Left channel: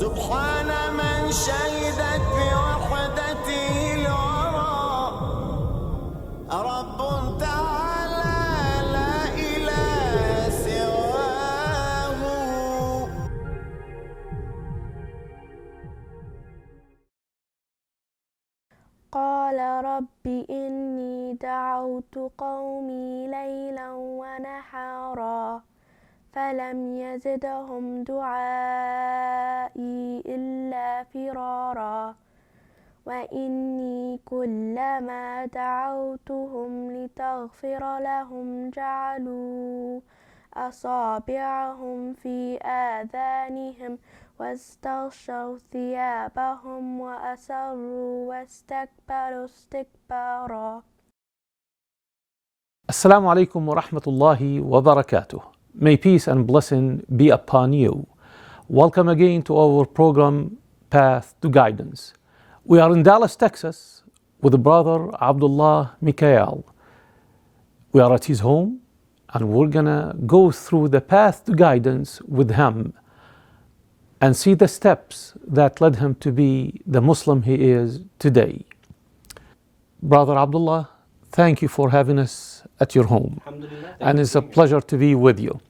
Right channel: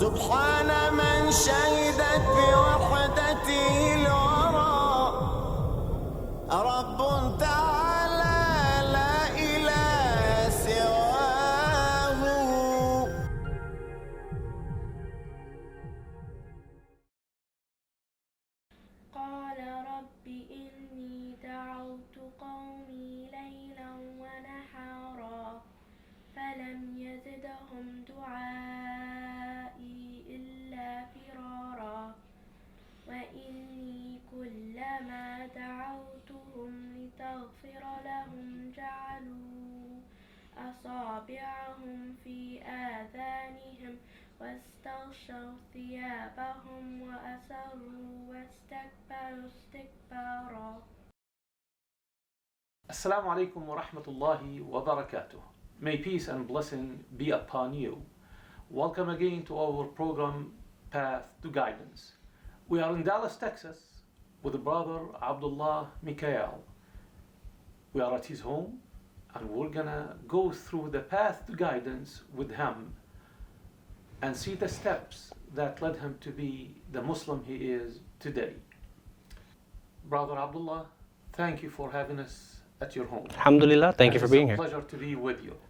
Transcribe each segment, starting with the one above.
سبحان من شهدت بوحدته الورى رب تعالى لا إله سواه. قال رب إني دعوت قومي ليلا ونحارا فلم يزدهم دعائي إلا فرارا وإني كلما دعوتهم لتغفر لهم جعلوا أصابعهم في آذانهم واستغشوا ثيابهم وأسروا واستكبروا استكبارا. Assalamu alaikum wa rahmatullahi wa barakatuh. May peace and blessing be upon you. Welcome again to our program Path to Guidance. We are in Dallas, Texas with the brother Abdullah Mikail. We are at his home and we're gonna go through the path to guidance with him and see the steps that led him to be the Muslim he is today. Brother Abdullah, thank you for having us at your home. Alhamdulillah, thank you for being here. And it's a pleasure to be with you.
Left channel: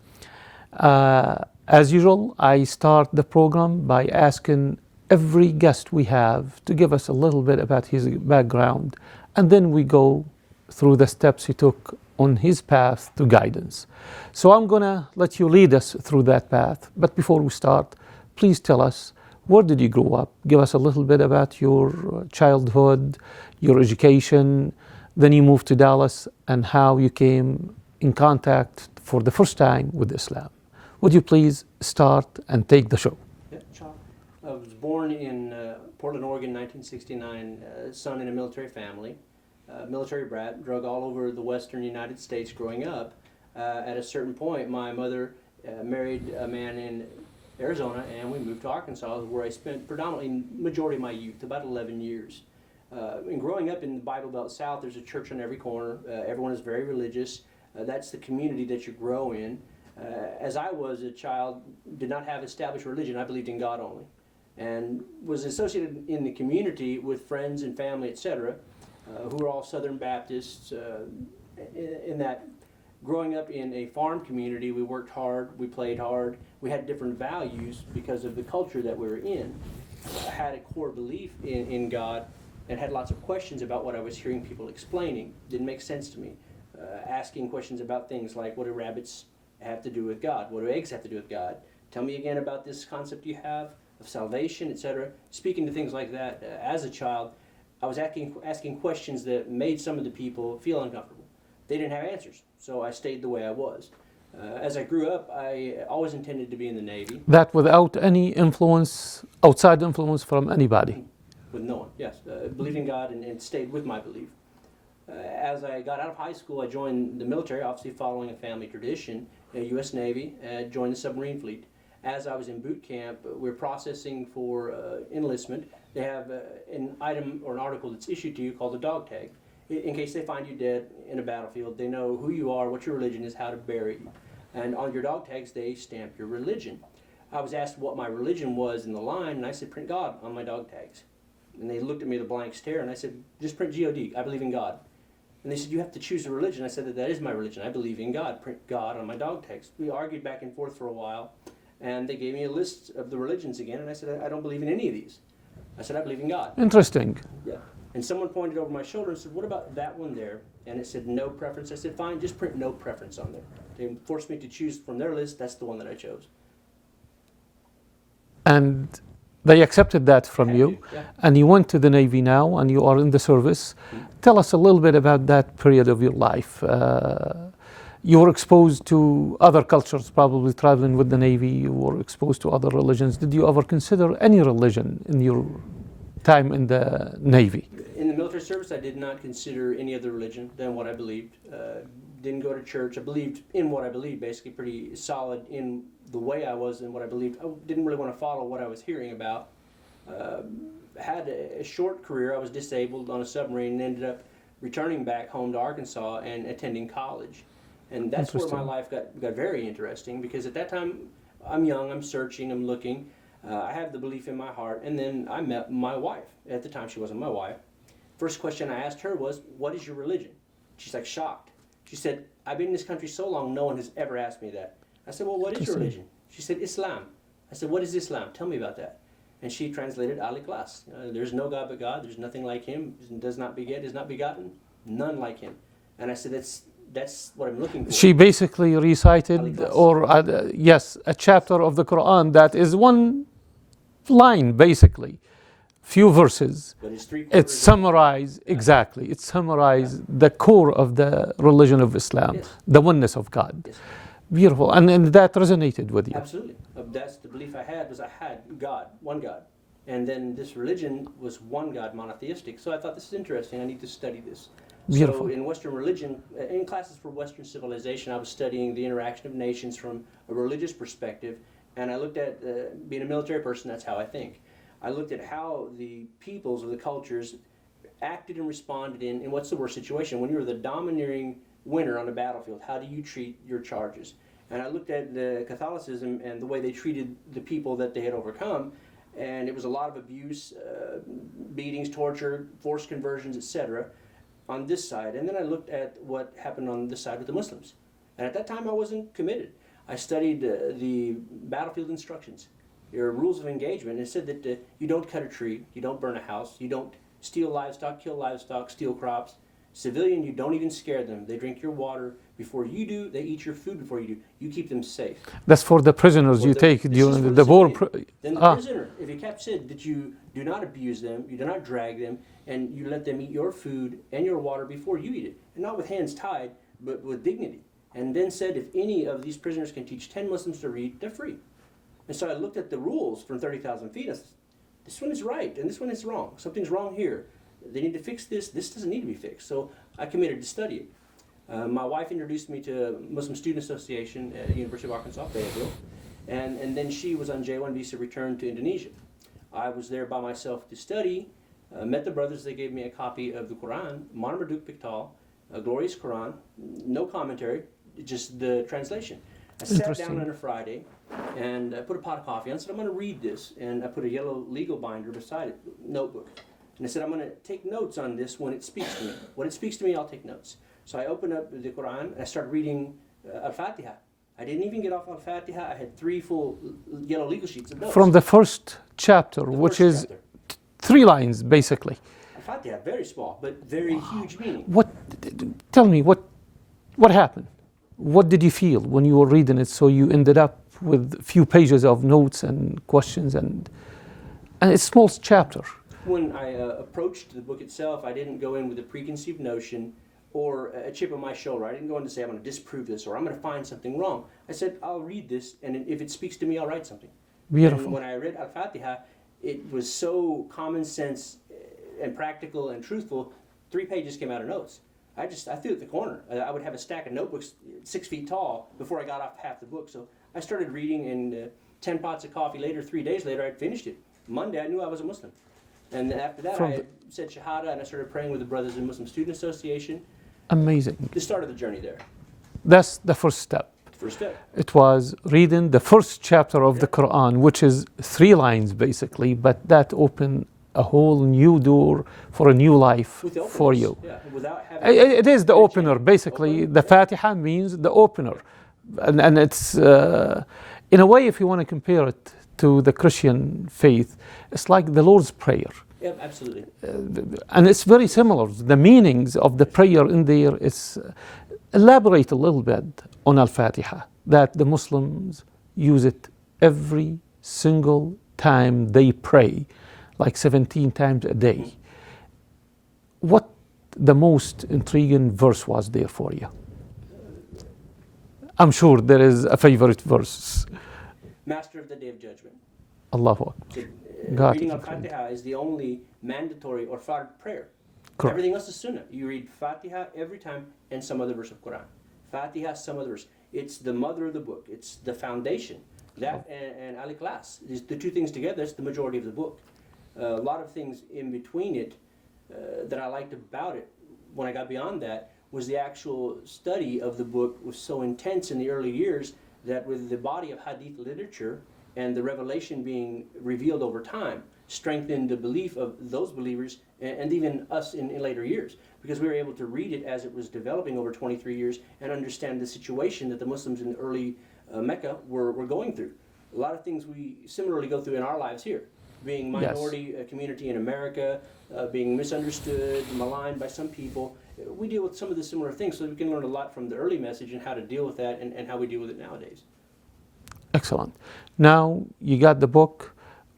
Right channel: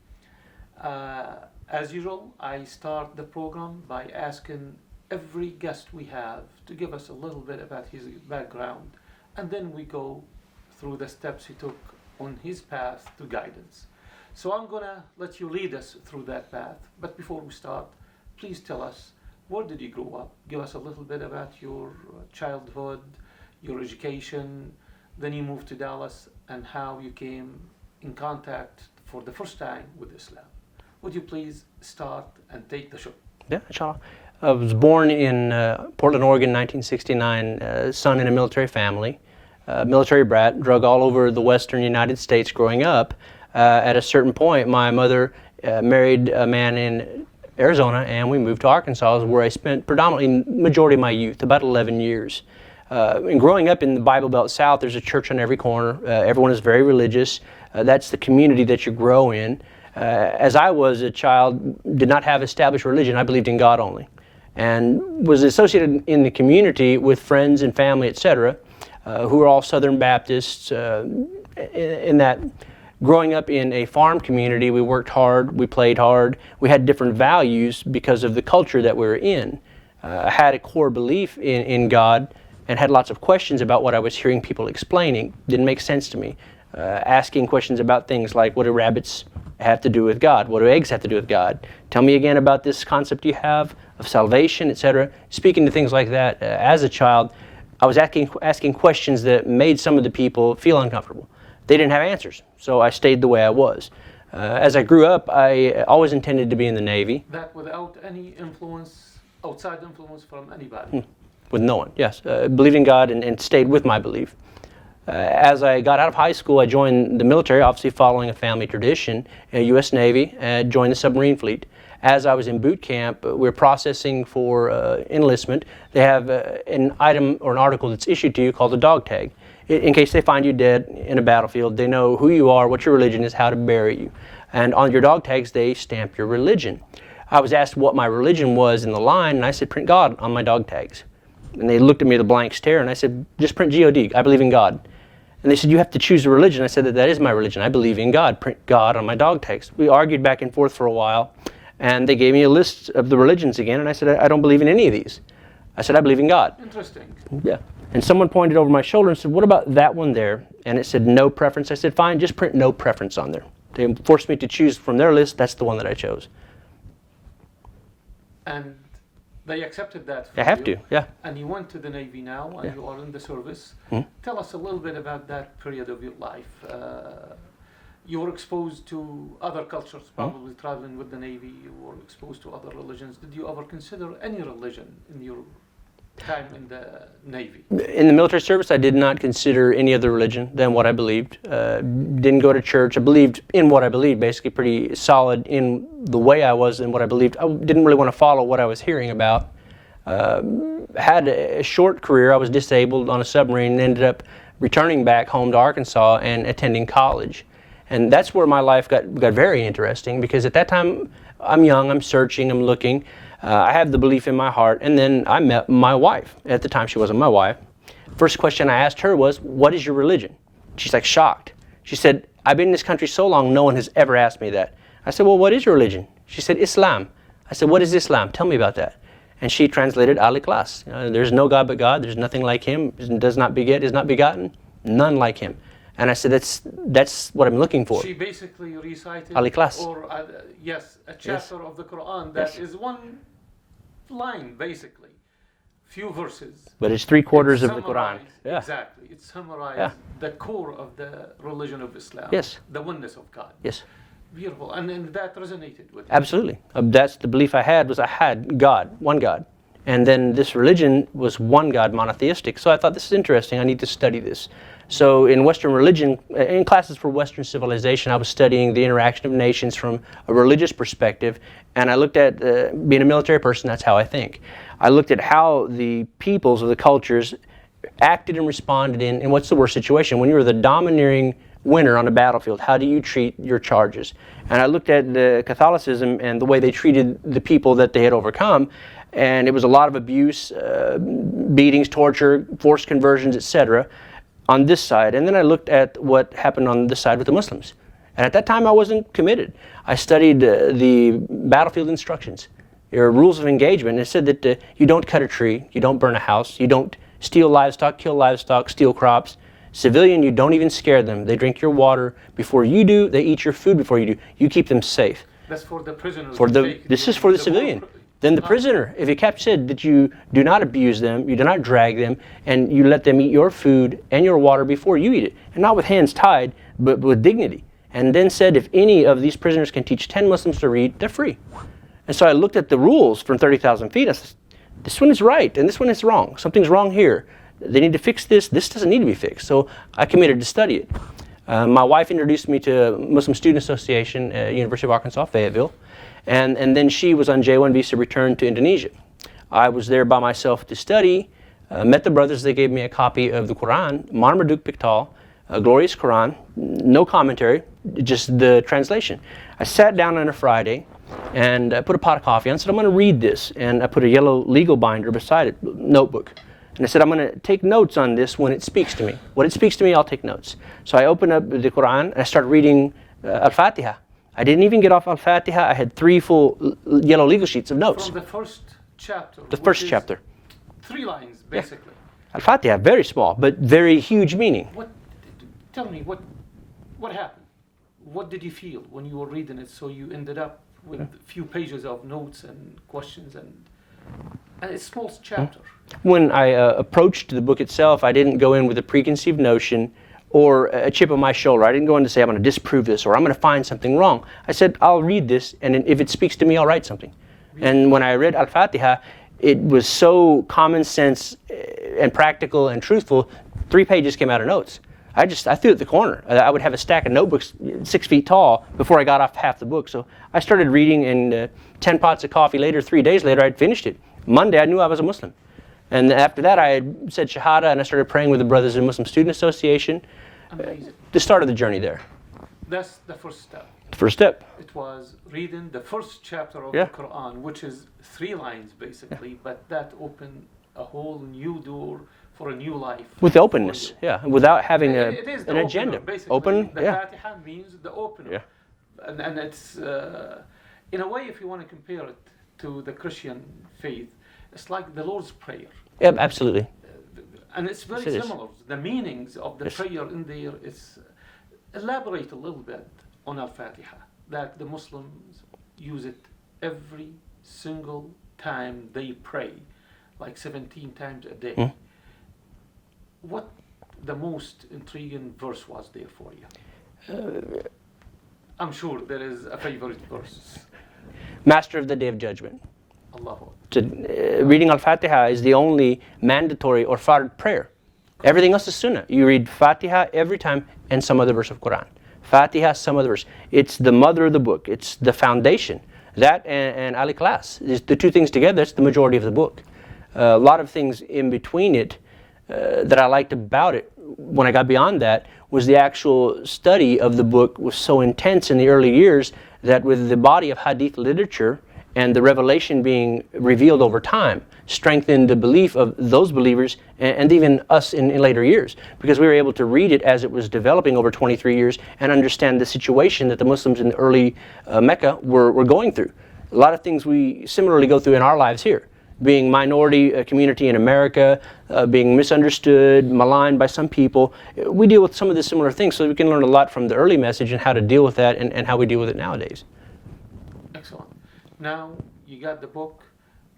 As usual, I start the program by asking every guest we have to give us a little bit about his background, and then we go through the steps he took on his path to guidance. So I'm gonna let you lead us through that path, but before we start, please tell us, where did you grow up? Give us a little bit about your childhood, your education, then you moved to Dallas, and how you came in contact for the first time with Islam. Would you please start and take the show? Yeah, inshallah. I was born in Portland, Oregon, 1969, son in a military family, military brat, drug all over the western United States growing up. At a certain point, my mother married a man in Arizona, and we moved to Arkansas, where I spent predominantly majority of my youth, about 11 years. And growing up in the Bible Belt South, there's a church on every corner. Everyone is very religious. That's the community that you grow in. As I was a child, did not have established religion. I believed in God only, and was associated in the community with friends and family, etc., who were all Southern Baptists. In that, growing up in a farm community, we worked hard, we played hard, we had different values because of the culture that we were in. I had a core belief in God, and had lots of questions about what I was hearing people explaining. Didn't make sense to me. Asking questions about things like, what do rabbits have to do with God? What do eggs have to do with God? Tell me again about this concept you have of salvation, etc. Speaking to things like that, as a child, I was asking questions that made some of the people feel uncomfortable. They didn't have answers, so I stayed the way I was. As I grew up, I always intended to be in the Navy. That without any influence, outside influence from anybody? With no one, yes. Believed in God and stayed with my belief. As I got out of high school, I joined the military, obviously following a family tradition, U.S. Navy, and joined the submarine fleet. As I was in boot camp, we were processing for enlistment. They have an item or an article that's issued to you called a dog tag. In case they find you dead in a battlefield, they know who you are, what your religion is, how to bury you. And on your dog tags, they stamp your religion. I was asked what my religion was in the line, and I said, print God on my dog tags. And they looked at me with a blank stare, and I said, just print God, I believe in God. And they said, you have to choose a religion. I said, that is my religion, I believe in God, print God on my dog tags. We argued back and forth for a while, and they gave me a list of the religions again, and I said, I don't believe in any of these. I said, I believe in God. Interesting. Yeah. And someone pointed over my shoulder and said, what about that one there? And it said no preference. I said, fine, just print no preference on there. They forced me to choose from their list. That's the one that I chose. And they accepted that from They have you. to, yeah. And you went to the Navy now, and you are in the service. Mm-hmm. Tell us a little bit about that period of your life. You were exposed to other cultures, probably traveling with the Navy. You were exposed to other religions. Did you ever consider any religion in your time in the Navy? In the military service, I did not consider any other religion than what I believed. Didn't go to church. I believed in what I believed, basically pretty solid in the way I was and what I believed. I didn't really want to follow what I was hearing about. Had a short career. I was disabled on a submarine and ended up returning back home to Arkansas and attending college. And that's where my life got very interesting, because at that time, I'm young, I'm searching, I'm looking. I have the belief in my heart, and then I met my wife. At the time, she wasn't my wife. First question I asked her was, what is your religion? She's like shocked. She said, I've been in this country so long, no one has ever asked me that. I said, well, what is your religion? She said, Islam. I said, what is Islam? Tell me about that. And she translated al-Ikhlas. There's no God but God. There's nothing like him. Does not beget, is not begotten. None like him. And I said, that's what I'm looking for. She basically recited, Al-Ikhlas. or yes, a chapter of the Quran that is one line, basically, few verses. But it's three-quarters It of the Quran. summarized, exactly, it summarized the core of the religion of Islam, Yes. the oneness of God. Yes. Beautiful, and that resonated with you. Absolutely. That's the belief I had, was I had God, one God. And then this religion was one God, monotheistic. So I thought, this is interesting, I need to study this. So in Western religion, in classes for Western civilization, I was studying the interaction of nations from a religious perspective. And I looked at, being a military person, that's how I think. I looked at how the peoples of the cultures acted and responded in what's the worst situation. When you're the domineering winner on a battlefield, how do you treat your charges? And I looked at the Catholicism and the way they treated the people that they had overcome. And it was a lot of abuse, beatings, torture, forced conversions, etc. on this side. And then I looked at what happened on this side with the Muslims. And at that time I wasn't committed. I studied the battlefield instructions, your rules of engagement. And it said that you don't cut a tree, you don't burn a house, you don't steal livestock, kill livestock, steal crops. Civilian, you don't even scare them. They drink your water before you do, they eat your food before you do. You keep them safe. That's for the prisoners you take. This is for the civilian. war. Then the prisoner, if you said that you do not abuse them, you do not drag them, and you let them eat your food and your water before you eat it, and not with hands tied, but with dignity. And then said, if any of these prisoners can teach 10 Muslims to read, they're free. And so I looked at the rules from 30,000 feet. I said, this one is right, and this one is wrong. Something's wrong here. They need to fix this. This doesn't need to be fixed. So I committed to study it. My wife introduced me to Muslim Student Association at University of Arkansas, Fayetteville. And then she was on J1 visa, returned to Indonesia. I was there by myself to study, met the brothers. They gave me a copy of the Quran, Marmaduke Pictal, a glorious Quran, no commentary, just the translation. I sat down on a Friday and I put a pot of coffee on. I said, I'm going to read this. And I put a yellow legal binder beside it, notebook. And I said, I'm going to take notes on this when it speaks to me. When it speaks to me, I'll take notes. So I opened up the Quran and I started reading Al-Fatiha. I didn't even get off Al-Fatiha. I had 3 full yellow legal sheets of notes. From the first chapter, The which first is chapter. 3 lines, basically. Al-Fatiha, very small, but very huge meaning. Tell me, what happened? What did you feel when you were reading it, so you ended up with a few pages of notes and questions and a small chapter? When I approached the book itself, I didn't go in with a preconceived notion or a chip on my shoulder. I didn't go in to say, I'm going to disprove this or I'm going to find something wrong. I said, I'll read this, and if it speaks to me, I'll write something. And when I read Al-Fatiha, it was so common sense and practical and truthful, 3 pages came out of notes. I threw it at the corner. I would have a stack of notebooks 6 feet tall before I got off half the book. So I started reading, and 10 pots of coffee later, 3 days later, I'd finished it. Monday, I knew I was a Muslim. And after that, I said Shahada, and I started praying with the brothers in Muslim Student Association. Amazing. The start of the journey there. That's the first step. The first step. It was reading the first chapter of the Quran, which is 3 lines basically, but that opened a whole new door for a new life with openness, for you. Yeah, without having it is the opener, agenda. basically. The Fatiha means the opener. And it's, in a way, if you want to compare it to the Christian faith, it's like the Lord's Prayer. Yeah, absolutely. And it's very similar. The meanings of the prayer in there is, elaborate a little bit on Al-Fatiha, that the Muslims use it every single time they pray, like 17 times a day. What the most intriguing verse was there for you? I'm sure there is a favorite verse. Master of the Day of Judgment. Allahu Akbar. Reading Al-Fatiha is the only mandatory or fard prayer. Correct. Everything else is sunnah. You read Fatiha every time and some other verse of Quran. Fatiha, some other verse. It's the mother of the book. It's the foundation. That and Al-Ikhlas, the 2 things together, that's the majority of the book. A lot of things in between it that I liked about it, when I got beyond that, was the actual study of the book was so intense in the early years that with the body of hadith literature and the revelation being revealed over time strengthened the belief of those believers and even us in later years, because we were able to read it as it was developing over 23 years and understand the situation that the Muslims in the early Mecca were going through. A lot of things we similarly go through in our lives here, being minority community in America, being misunderstood, maligned by some people. We deal with some of the similar things, so we can learn a lot from the early message and how to deal with that and how we deal with it nowadays. Excellent. Now, you got the book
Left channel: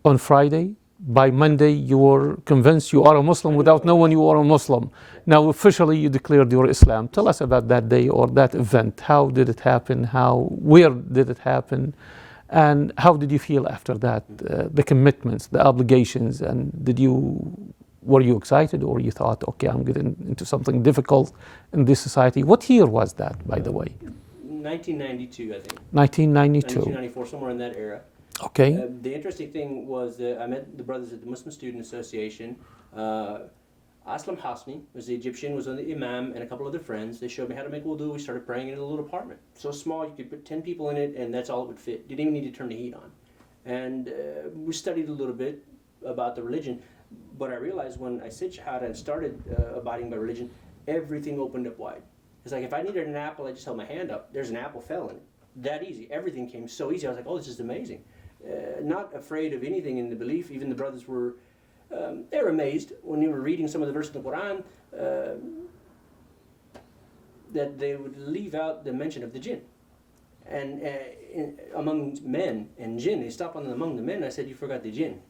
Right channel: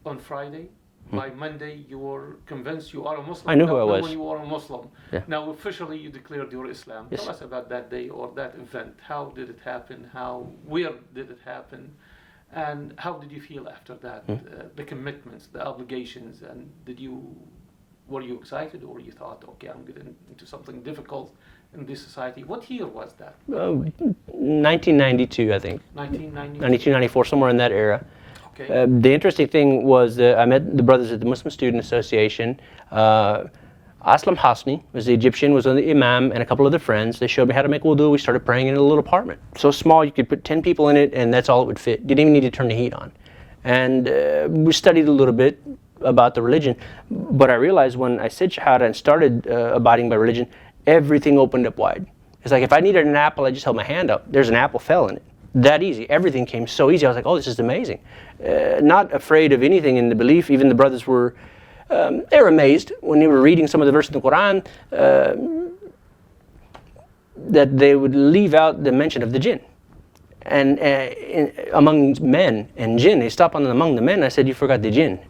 on Friday. By Monday, you were convinced you are a Muslim without knowing you are a Muslim. Yeah. Now, officially, you declared your Islam. Yes. Tell us about that day or that event. How did it happen? Where did it happen? And how did you feel after that? The commitments, the obligations, and were you excited, or you thought, okay, I'm getting into something difficult in this society? What year was that, by the way? 1992, I think. 1992. 1994, somewhere in that era. Okay. The interesting thing was I met the brothers at the Muslim Student Association. Aslam Hasni was the Egyptian, was on the imam, and a couple of their friends. They showed me how to make wudu. We started praying in a little apartment. So small, you could put 10 people in it, and that's all it would fit. Didn't even need to turn the heat on. And we studied a little bit about the religion. But I realized when I said Shahada and started abiding by religion, everything opened up wide. It's like if I needed an apple, I just held my hand up. There's an apple fell in it. That easy. Everything came so easy. I was like, oh, this is amazing. Not afraid of anything in the belief. Even the brothers were, they were amazed when they were reading some of the verses in the Quran that they would leave out the mention of the jinn. And among men and jinn, they stopped on among the men. I said, you forgot the jinn.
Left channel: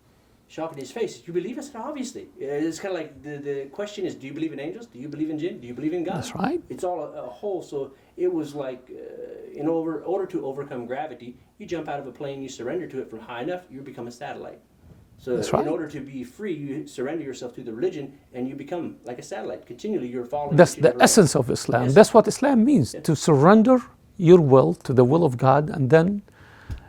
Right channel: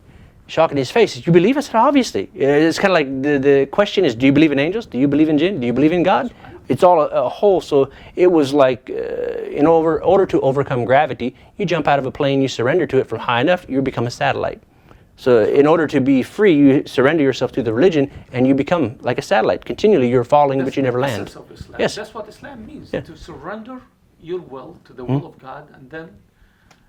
Shock in his face. You believe? I said, obviously. It's kind of like the question is, do you believe in angels? Do you believe in jinn? Do you believe in God? That's right. It's all a whole. So it was like, in order to overcome gravity, you jump out of a plane, you surrender to it from high enough, you become a satellite. So That's right. In order to be free, you surrender yourself to the religion, and you become like a satellite. Continually, you're falling, but you never land. That's the essence of Islam. Yes. That's what Islam means, Yeah. to surrender your will to the will of God, and then...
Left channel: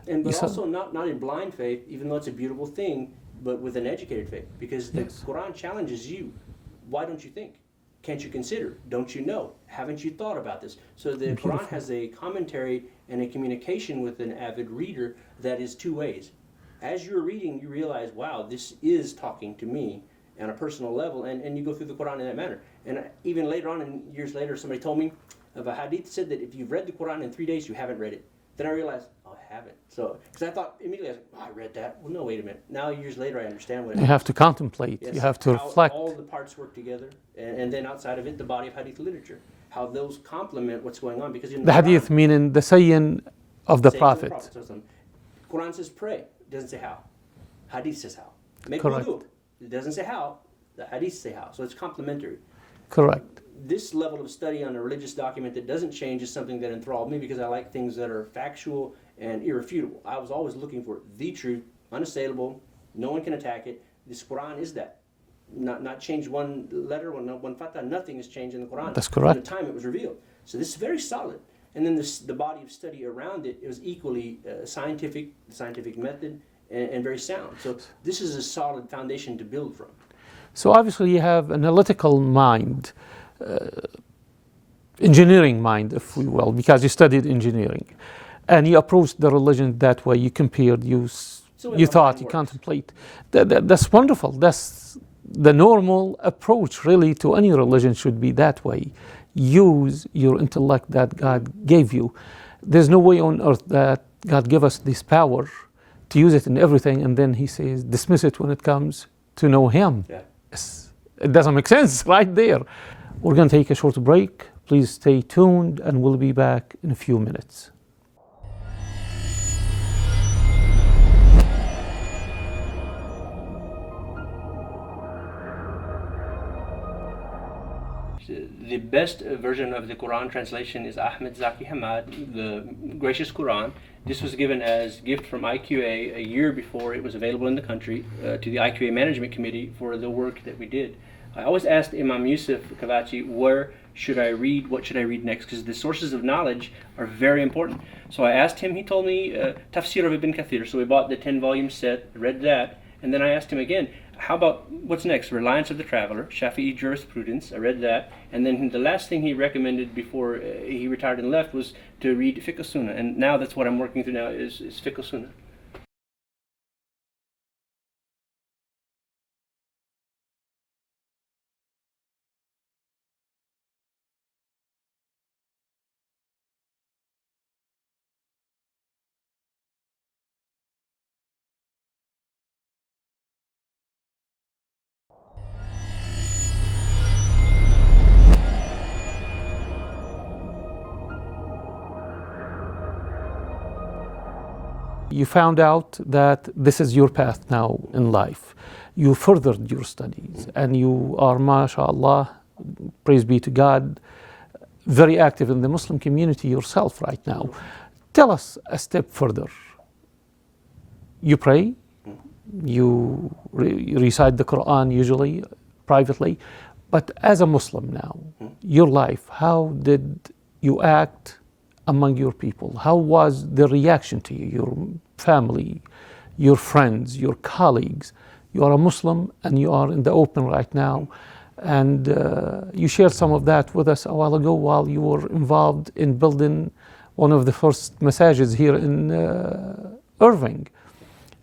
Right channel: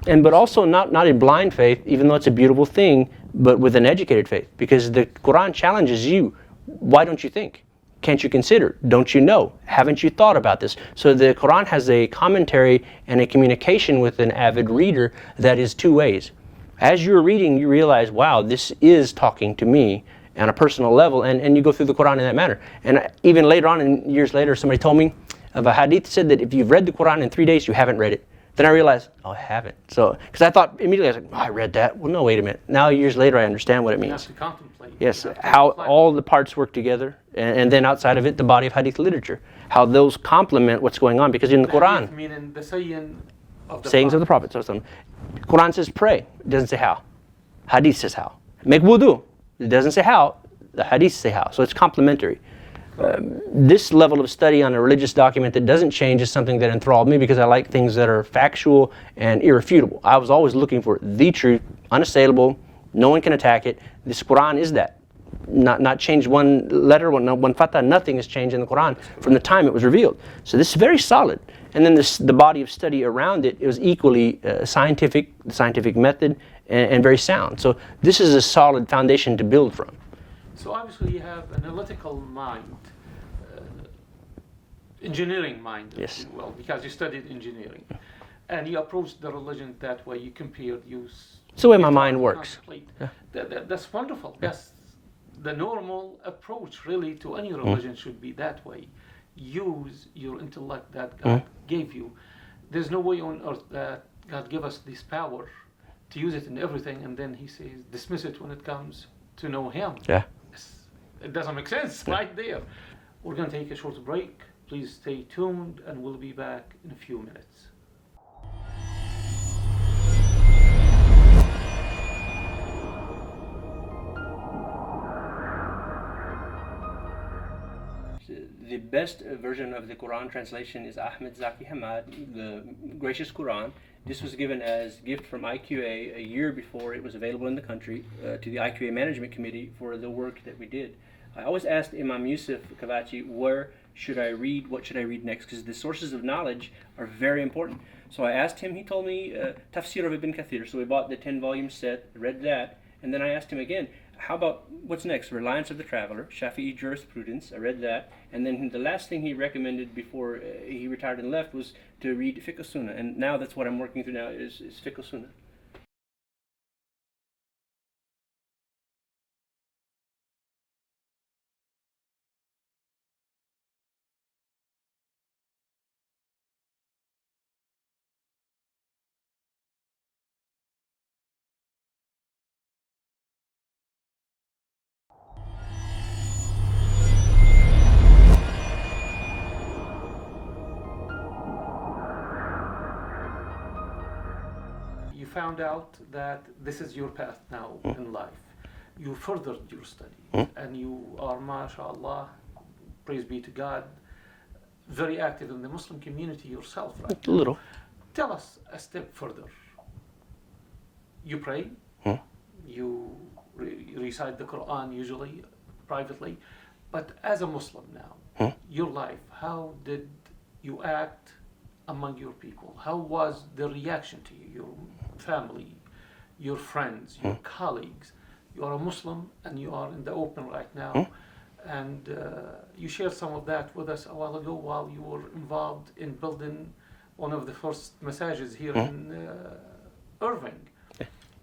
But also not a blind faith, even though it's a beautiful thing, but with an educated faith. Because the Quran challenges you. Why don't you think? Can't you consider? Don't you know? Haven't you thought about this? So the Quran has a commentary and a communication with an avid reader that is two ways. As you're reading, you realize, wow, this is talking to me on a personal level, and you go through the Quran in that manner. And even later on, and years later, somebody told me of a hadith said that if you've read the Quran in 3 days, you haven't read it. Then I realized, oh, I haven't. So, because I thought immediately, I was like, oh, I read that. Well, no, wait a minute. Now, years later, I understand what it means. You have to contemplate. Yes, You have to how reflect. all the parts work together, and then outside of it, the body of hadith literature. How those complement what's going on. Because in the Quran, hadith meaning the saying of the sayings Prophet. of the Prophet. Quran says pray. It doesn't say how. Hadith says how. Make wudu. It doesn't say how. The hadith say how. So it's complementary. Correct. This level of study on a religious document that doesn't change is something that enthralled me because I like things that are factual and irrefutable. I was always looking for the truth, unassailable, no one can attack it. This Quran is that. Not changed one letter, one fatah, nothing has changed in the Quran That's from correct. the time it was revealed. So this is very solid. And then the body of study around it, it was equally scientific method, and very sound. So this is a solid foundation to build from. So obviously you have an analytical mind, engineering mind, if Yes. we will, because you studied engineering. And you approached the religion that way. You compared, you the way you my thought, mind you works. contemplate. That's wonderful. That's the normal approach, really, to any religion should be that way. Use your intellect that God gave you. There's no way on earth that God gave us this power to use it in everything, and then He says, dismiss it when it comes to know Him. Yeah. It doesn't make sense right there. We're going to take a short break. Please stay tuned, and we'll be back in a few minutes. The best version of the Quran translation is Ahmed Zaki Hamad, the Gracious Quran. This was given as gift from IQA a year before it was available in the country to the IQA Management Committee for the work that we did. I always asked Imam Yusuf Kavachi, where should I read, what should I read next? Because the sources of knowledge are very important. So I asked him, he told me Tafsir of Ibn Kathir. So we bought the 10-volume set, read that, and then I asked him again, how about what's next? Reliance of the Traveler, Shafi'i Jurisprudence. I read that. And then the last thing he recommended before he retired and left was to read Fiqh Sunnah. And now that's what I'm working through now is Fiqh Sunnah. You found out that this is your path now in life. You furthered your studies and you are, mashallah, praise be to God, very active in the Muslim community yourself right now. A little. Tell us a step further. You pray, you recite the Quran usually, privately, but as a Muslim now, your life, how did you act among your people? How was the reaction to you, your family, your friends, your colleagues? You are a Muslim and you are in the open right now. And you shared some of that with us a while ago while you were involved in building one of the first masajids here in Irving.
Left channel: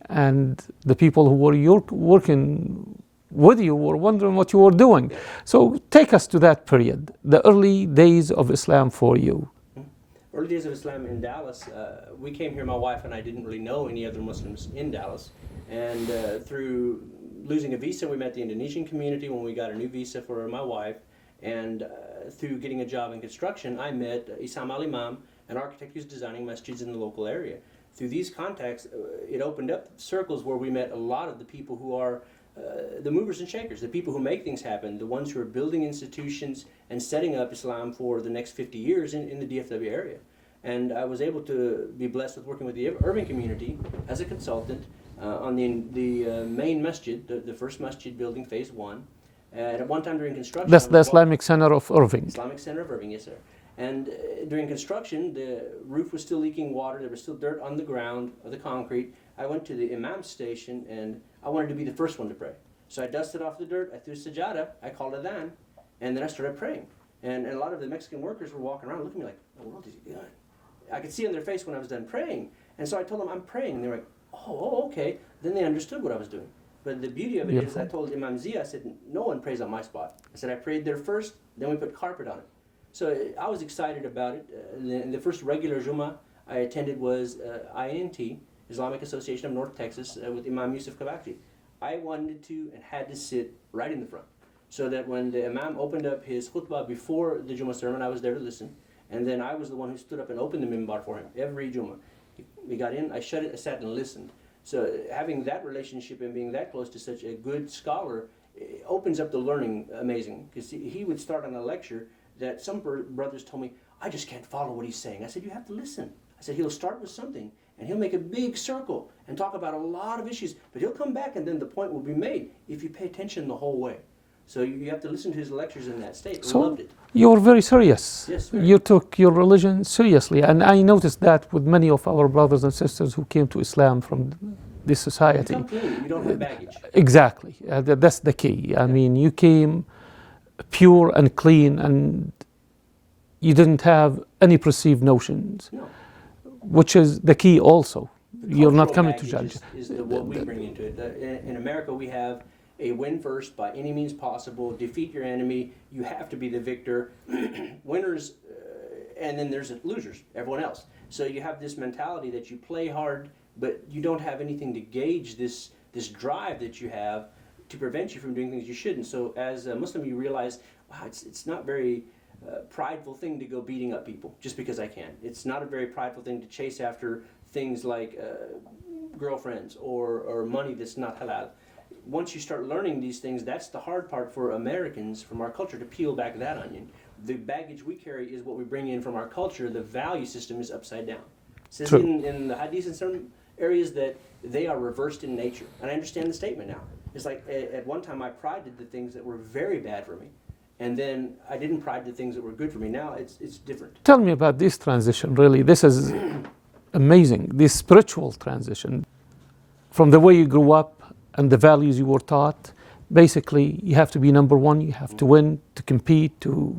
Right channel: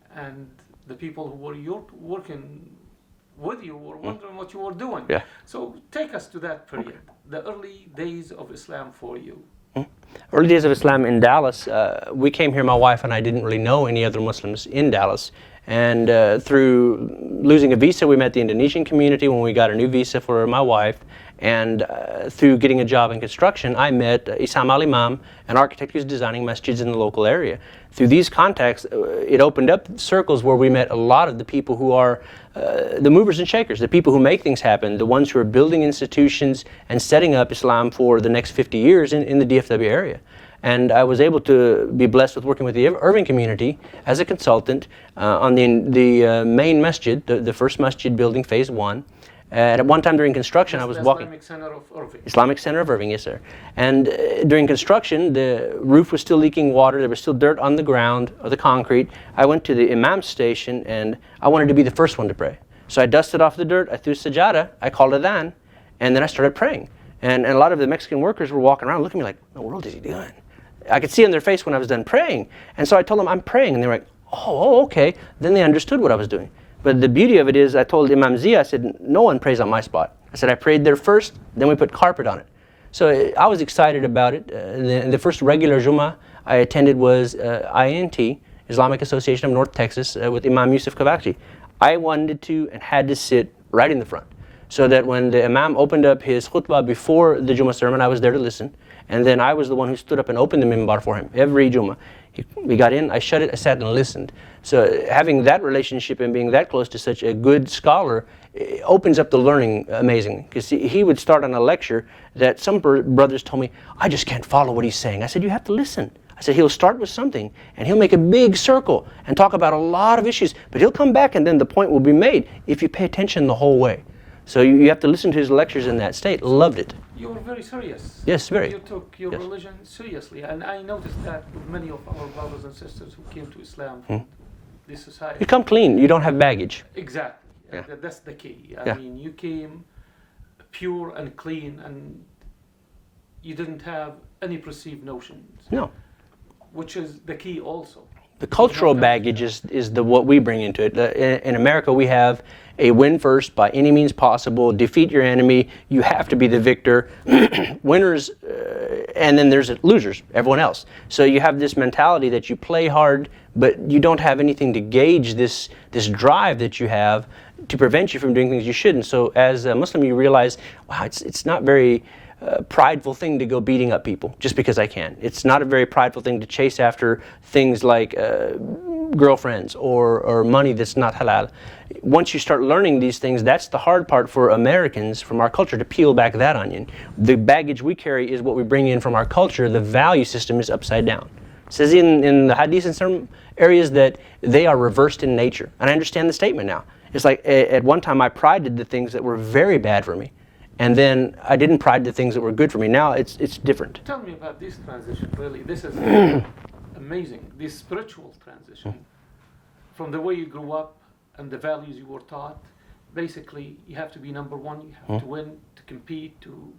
And the people who were working with you were wondering what you were doing. Yeah. So take us to that period, the early days of Islam for you. Early days of Islam in Dallas, we came here, my wife and I didn't really know any other Muslims in Dallas. And through losing a visa, we met the Indonesian community when we got a new visa for my wife. And through getting a job in construction, I met Isam al-Imam, an architect who's designing masjids in the local area. Through these contacts, it opened up circles where we met a lot of the people who are the movers and shakers, the people who make things happen, the ones who are building institutions and setting up Islam for the next 50 years in the DFW area. And I was able to be blessed with working with the Irving community as a consultant on the main masjid, the first masjid building, phase 1. At one time during construction, That's the Islamic Center of Irving. Islamic Center of Irving, yes, sir. And during construction, the roof was still leaking water. There was still dirt on the ground, or the concrete. I went to the imam's station, and I wanted to be the first one to pray. So I dusted off the dirt, I threw sajada, I called adhan, and then I started praying. And a lot of the Mexican workers were walking around looking at me like, what in the world is he doing? I could see on their face when I was done praying. And so I told them, I'm praying. And they were like, oh, okay. Then they understood what I was doing. But the beauty of it is, I told Imam Zia, I said, no one prays on my spot. I said, I prayed there first, then we put carpet on it. So I was excited about it. The first regular Jummah I attended was INT, Islamic Association of North Texas, with Imam Yusuf Kavakji. I wanted to and had to sit right in the front, so that when the Imam opened up his khutbah before the Jummah sermon, I was there to listen. And then I was the one who stood up and opened the minbar for him every Jummah. We got in, I shut it, I sat and listened. So having that relationship and being that close to such a good scholar opens up the learning amazingly. Because he would start on a lecture that some brothers told me, I just can't follow what he's saying. I said, you have to listen. I said, he'll start with something and he'll make a big circle and talk about a lot of issues, but he'll come back and then the point will be made if you pay attention the whole way. So you have to listen to his lectures in that state. So loved it. You were very serious. Yes, very. You took your religion seriously. And I noticed that with many of our brothers and sisters who came to Islam from this society. You come clean. You don't have baggage. Exactly. That's the key. I mean, you came pure and clean and you didn't have any perceived notions. No. Which is the key also. The cultural baggage is what we bring into it. In America, we have a win first by any means possible, defeat your enemy, you have to be the victor, winners, and then there's losers, everyone else. So you have this mentality that you play hard, but you don't have anything to gauge this drive that you have to prevent you from doing things you shouldn't. So as a Muslim, you realize, wow, it's not very prideful thing to go beating up people just because I can. It's not a very prideful thing to chase after things like girlfriends or money that's not halal. Once you start learning these things, that's the hard part for Americans from our culture, to peel back that onion. The baggage we carry is what we bring in from our culture. The value system is upside down. It says in the hadith in some areas that they are reversed in nature. And I understand the statement now. It's like at one time I prided the things that were very bad for me. And then I didn't pride the things that were good for me. Now it's different. Tell me about this transition, really. This is amazing, this spiritual transition. From the way you grew up and the values you were taught, basically you have to be number one, you have to win, to compete, to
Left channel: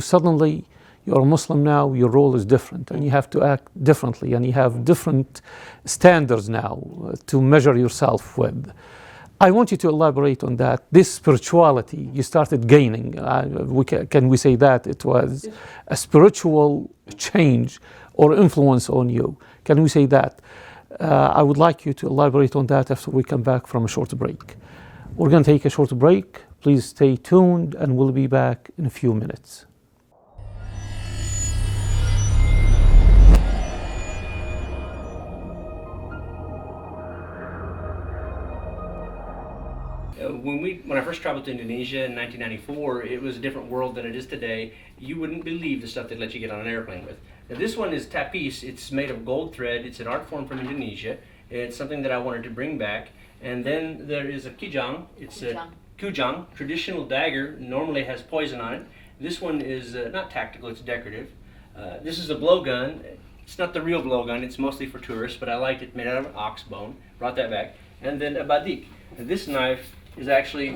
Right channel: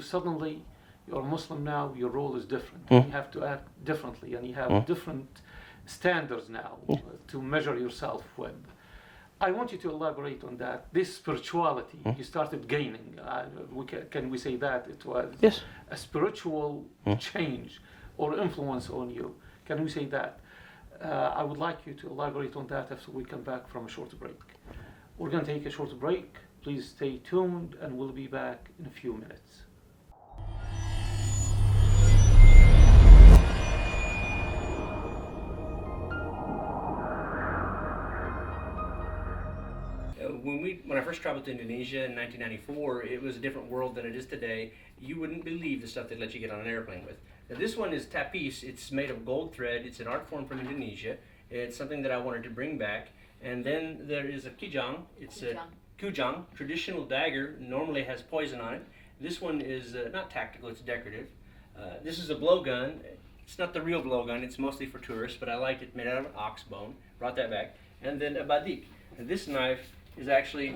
suddenly you're a Muslim now, your role is different, and you have to act differently, and you have different standards now to measure yourself with. I want you to elaborate on that. This spirituality you started gaining, can we say that it was a spiritual change or influence on you? Can we say that? I would like you to elaborate on that after we come back from a short break. We're going to take a short break. Please stay tuned and we'll be back in a few minutes. when I first traveled to Indonesia in 1994, it was a different world than it is today. You wouldn't believe the stuff they'd let you get on an airplane with. Now, this one is tapis. It's made of gold thread. It's an art form from Indonesia. It's something that I wanted to bring back. And then there is a kijang. It's a kujang, traditional dagger. Normally has poison on it. This one is not tactical. It's decorative. This is a blowgun. It's not the real blowgun. It's mostly for tourists, but I liked it. Made out of an ox bone. Brought that back. And then a badik. And this knife is actually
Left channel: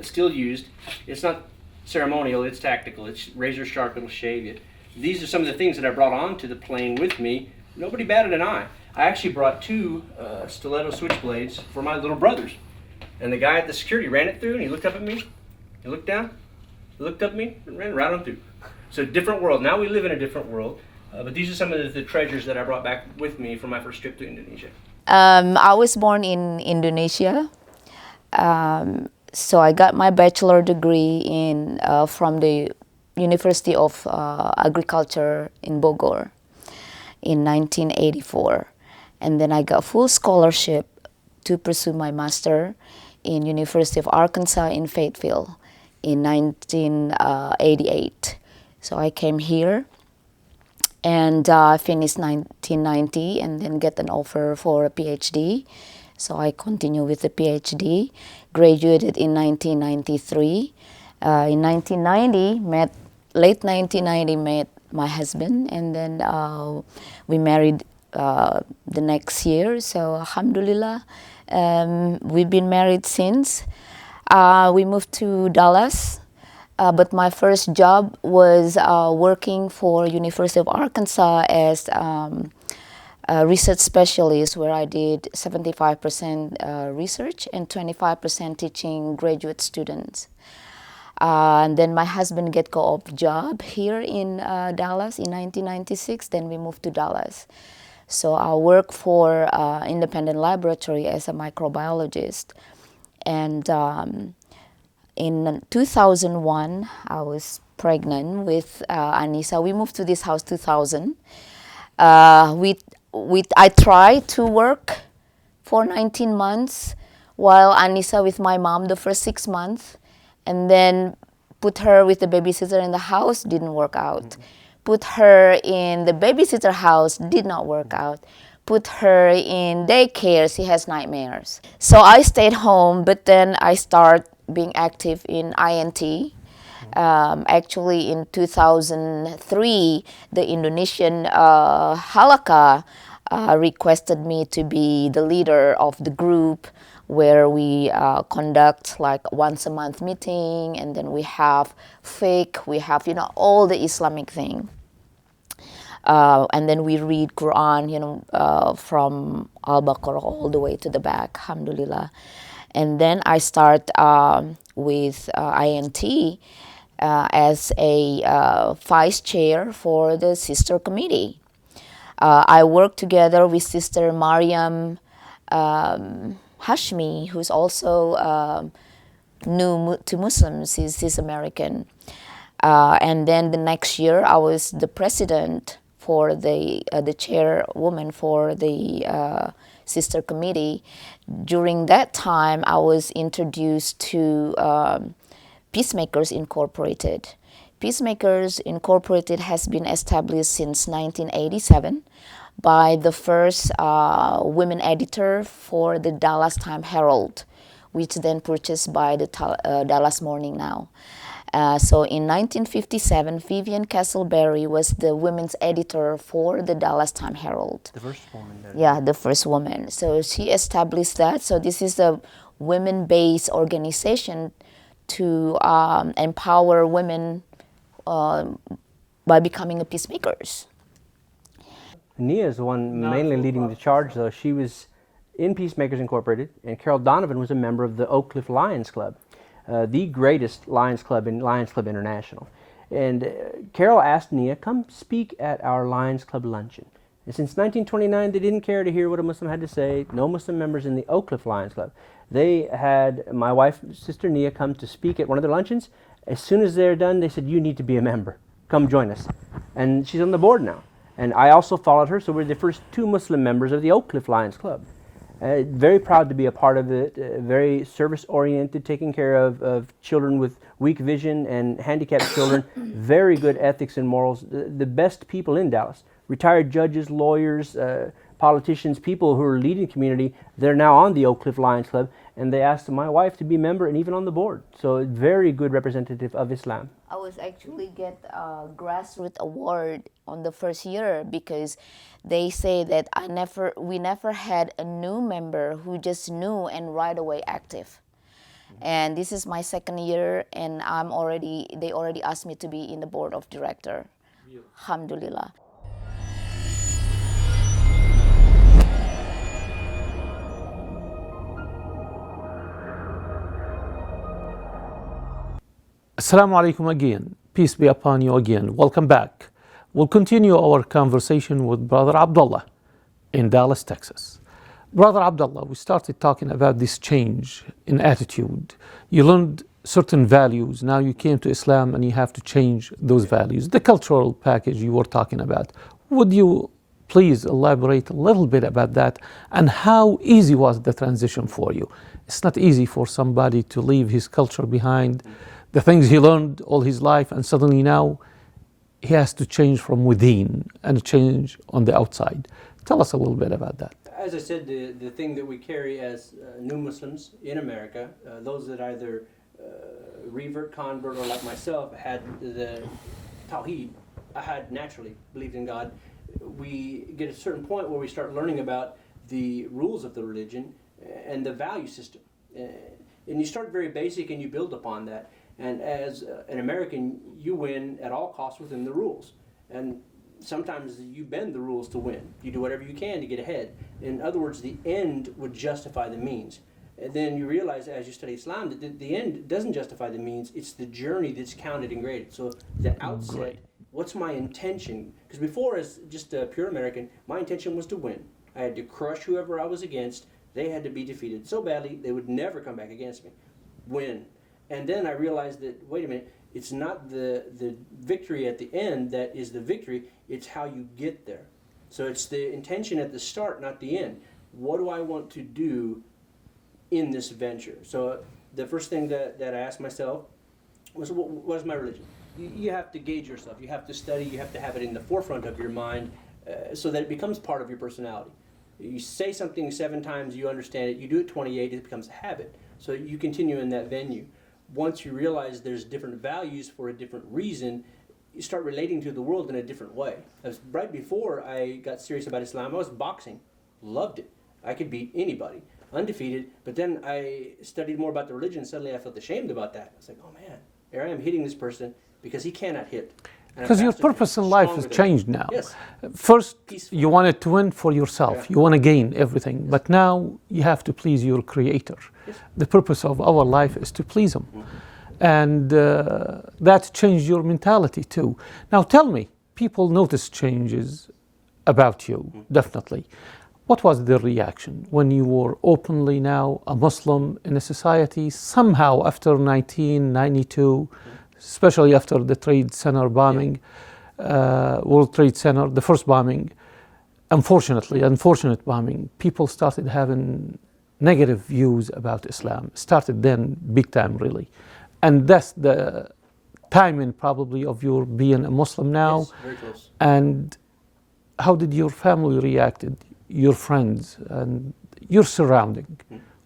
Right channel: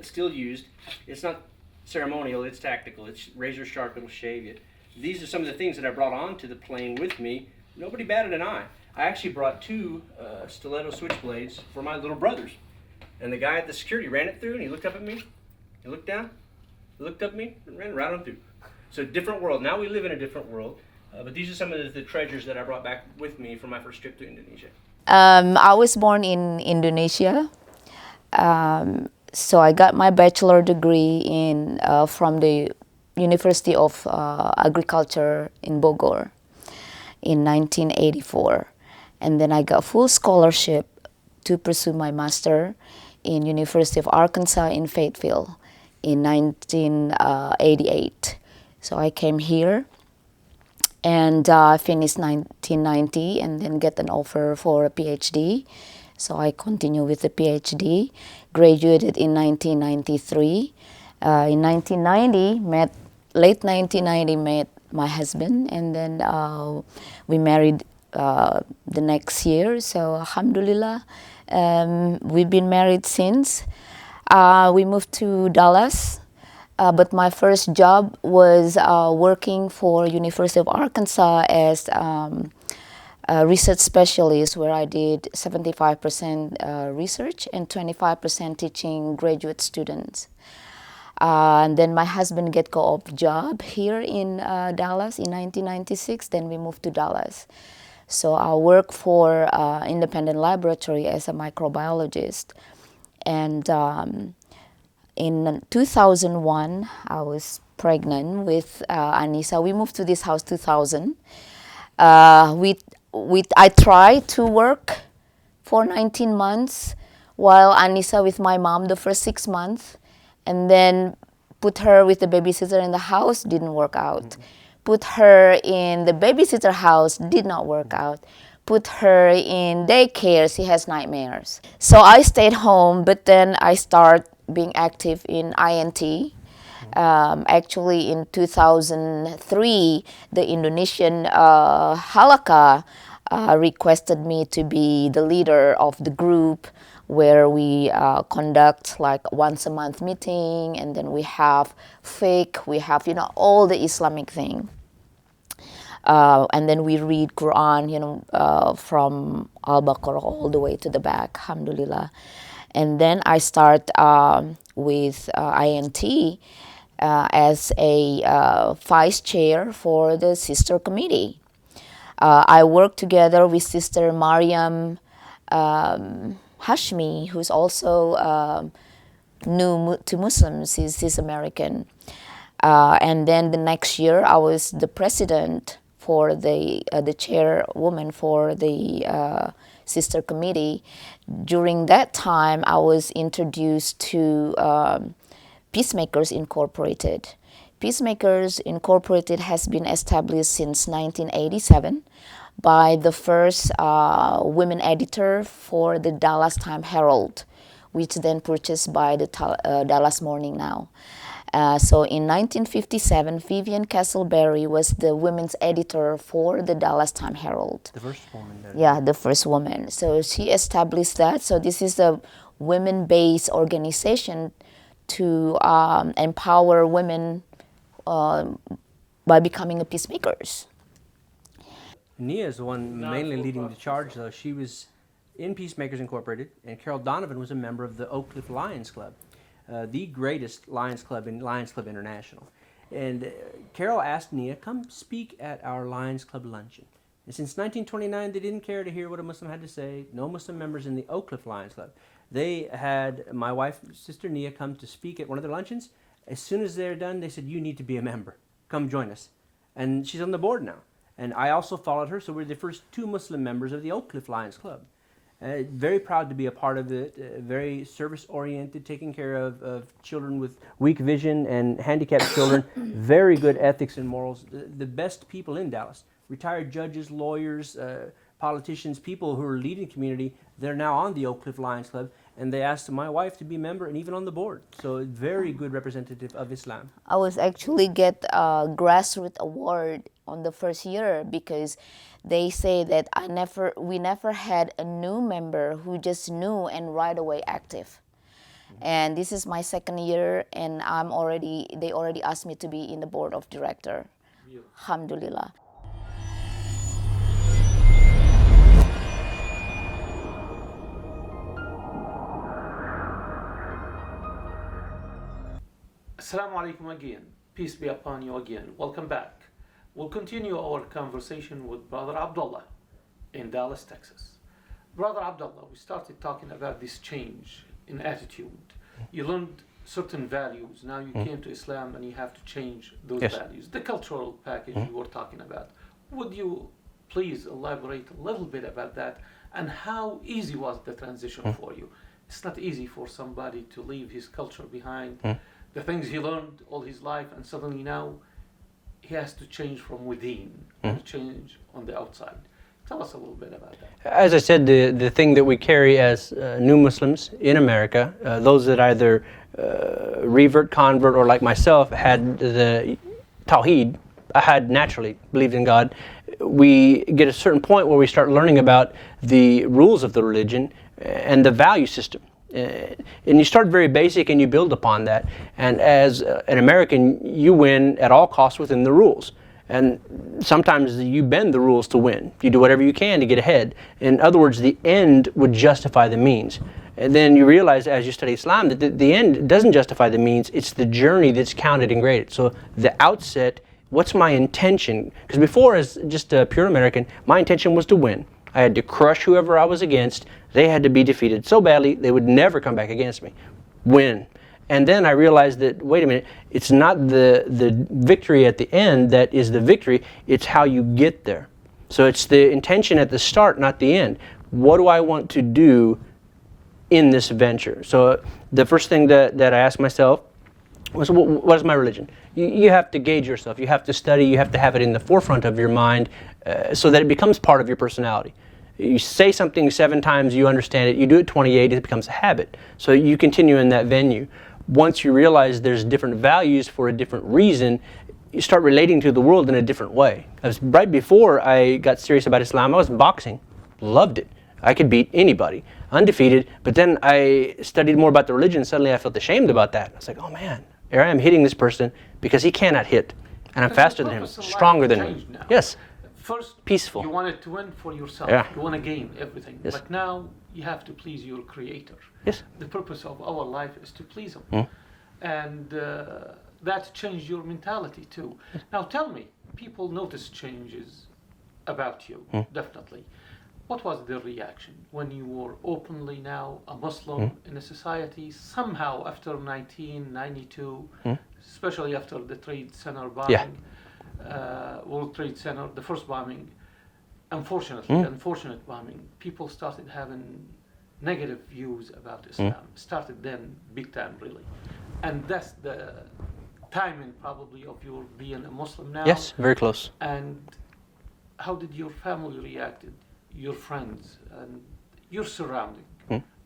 still used. It's not ceremonial. It's tactical. It's razor sharp. It'll shave you. These are some of the things that I brought onto the plane with me. Nobody batted an eye. I actually brought two stiletto switchblades for my little brothers. And the guy at the security ran it through, and he looked up at me. He looked down. He looked up at me, and ran right on through. So different world. Now we live in a different world. But these are some of the treasures that I brought back with me from my first trip to Indonesia. I was born in Indonesia. So I got my bachelor degree from the University of Agriculture in Bogor in 1984. And then I got full scholarship to pursue my master in University of Arkansas in Fayetteville in 1988. So I came here and finished 1990 and then get an offer for a PhD. So I continue with the PhD, graduated in 1993. In 1990, late 1990, met my husband, and then we married the next year. So alhamdulillah, we've been married since. We moved to Dallas, but my first job was working for University of Arkansas as a research specialist, where I did 75% research and 25% teaching graduate students. And then my husband get co-op job here in Dallas in 1996. Then we moved to Dallas. So I work for independent laboratory as a microbiologist. And in 2001, I was pregnant with Anissa. We moved to this house 2000. I tried to work for 19 months while Anissa with my mom the first 6 months. And then put her with the babysitter in the house, didn't work out. Mm-hmm. Put her in the babysitter house, did not work out. Put her in daycare, she has nightmares. So I stayed home, but then I started being active in INT. Actually, in 2003, the Indonesian Halakha requested me to be the leader of the group, where we conduct like once a month meeting, and then we have fiqh, we have all the Islamic thing, and then we read Quran, from Al-Baqarah all the way to the back, alhamdulillah. And then I start with INT as a vice chair for the sister committee. I work together with Sister Mariam Hashmi, who's also new to Muslims. He's American. And then the next year, I was the president for the chairwoman for the sister committee. During that time, I was introduced to Peacemakers Incorporated. Peacemakers Incorporated has been established since 1987. By the first women editor for the Dallas Time Herald, which then purchased by the Dallas Morning Now. So in 1957, Vivian Castleberry was the women's editor for the Dallas Time Herald. The first woman. Yeah, the first woman. So she established that. So this is a women-based organization to empower women by becoming a peacemakers. Nia is the one mainly leading the charge, though. She was in Peacemakers Incorporated, and Carol Donovan was a member of the Oak Cliff Lions Club, the greatest Lions Club in Lions Club International. And Carol asked Nia, come speak at our Lions Club luncheon. And since 1929, they didn't care to hear what a Muslim had to say. No Muslim members in the Oak Cliff Lions Club. They had my wife, Sister Nia, come to speak at one of their luncheons. As soon as they're done, they said, you need to be a member. Come join us. And she's on the board now. And I also followed her, so we're the first two Muslim members of the Oak Cliff Lions Club. Very proud to be a part of it, very service-oriented, taking care of children with weak vision and handicapped children, very good ethics and morals, the best people in Dallas. Retired judges, lawyers, politicians, people who are leading the community, they're now on the Oak Cliff Lions Club, and they asked my wife to be a member and even on the board. So very good representative of Islam. I was actually get a grassroots award on the first year because they say that we never had a new member who just knew and right away active. And this is my second year, and they already asked me to be in the board of director. Alhamdulillah. Assalamu alaikum again. Peace be upon you again. Welcome back. We'll continue our conversation with Brother Abdullah in Dallas, Texas. Brother Abdullah, we started talking about this change in attitude. You learned certain values. Now you came to Islam and you have to change those values. The cultural package you were talking about. Would you please elaborate a little bit about that and how easy was the transition for you? It's not easy for somebody to leave his culture behind, the things he learned all his life, and suddenly now he has to change from within and change on the outside. Tell us a little bit about that. As I said, the thing that we carry as new Muslims in America, those that either revert, convert, or like myself had the Tawheed, I had naturally believed in God. We get a certain point where we start learning about the rules of the religion and the value system. And you start very basic and you build upon that. And as an American, you win at all costs within the rules. And sometimes you bend the rules to win. You do whatever you can to get ahead. In other words, the end would justify the means. And then you realize as you study Islam that the end doesn't justify the means, it's the journey that's counted and graded. So the outset, what's my intention? Because before, as just a pure American, my intention was to win. I had to crush whoever I was against. They had to be defeated so badly they would never come back against me. Win. And then I realized that, wait a minute, it's not the victory at the end that is the victory, it's how you get there. So it's the intention at the start, not the end. What do I want to do in this venture? So the first thing that I asked myself was, what is my religion? You have to gauge yourself, you have to study, you have to have it in the forefront of your mind so that it becomes part of your personality. You say something 7 times, you understand it. You do it 28, it becomes a habit. So you continue in that venue. Once you realize there's different values for a different reason, you start relating to the world in a different way. As right before I got serious about Islam, I was boxing. Loved it. I could beat anybody, undefeated. But then I studied more about the religion. Suddenly I felt ashamed about that. I was like, oh man, here I am hitting this person because he cannot hit. And I'm faster than him, stronger than him. Changed now. Yes. First, peaceful. You wanted to win for yourself. Yeah. You want to gain everything. Yes. But now you have to please your Creator. Yes. The purpose of our life is to please Him. And that changed your mentality too. Now tell me, people notice changes about you, definitely. What was their reaction when you were openly now a Muslim in a society somehow after 1992, especially after the Trade Center bombing, World Trade Center, the first bombing, unfortunate bombing, people started having negative views about Islam. Started then big time really. And that's the timing probably of your being a Muslim now. Yes, very close. And how did your family reacted, your friends and your surrounding?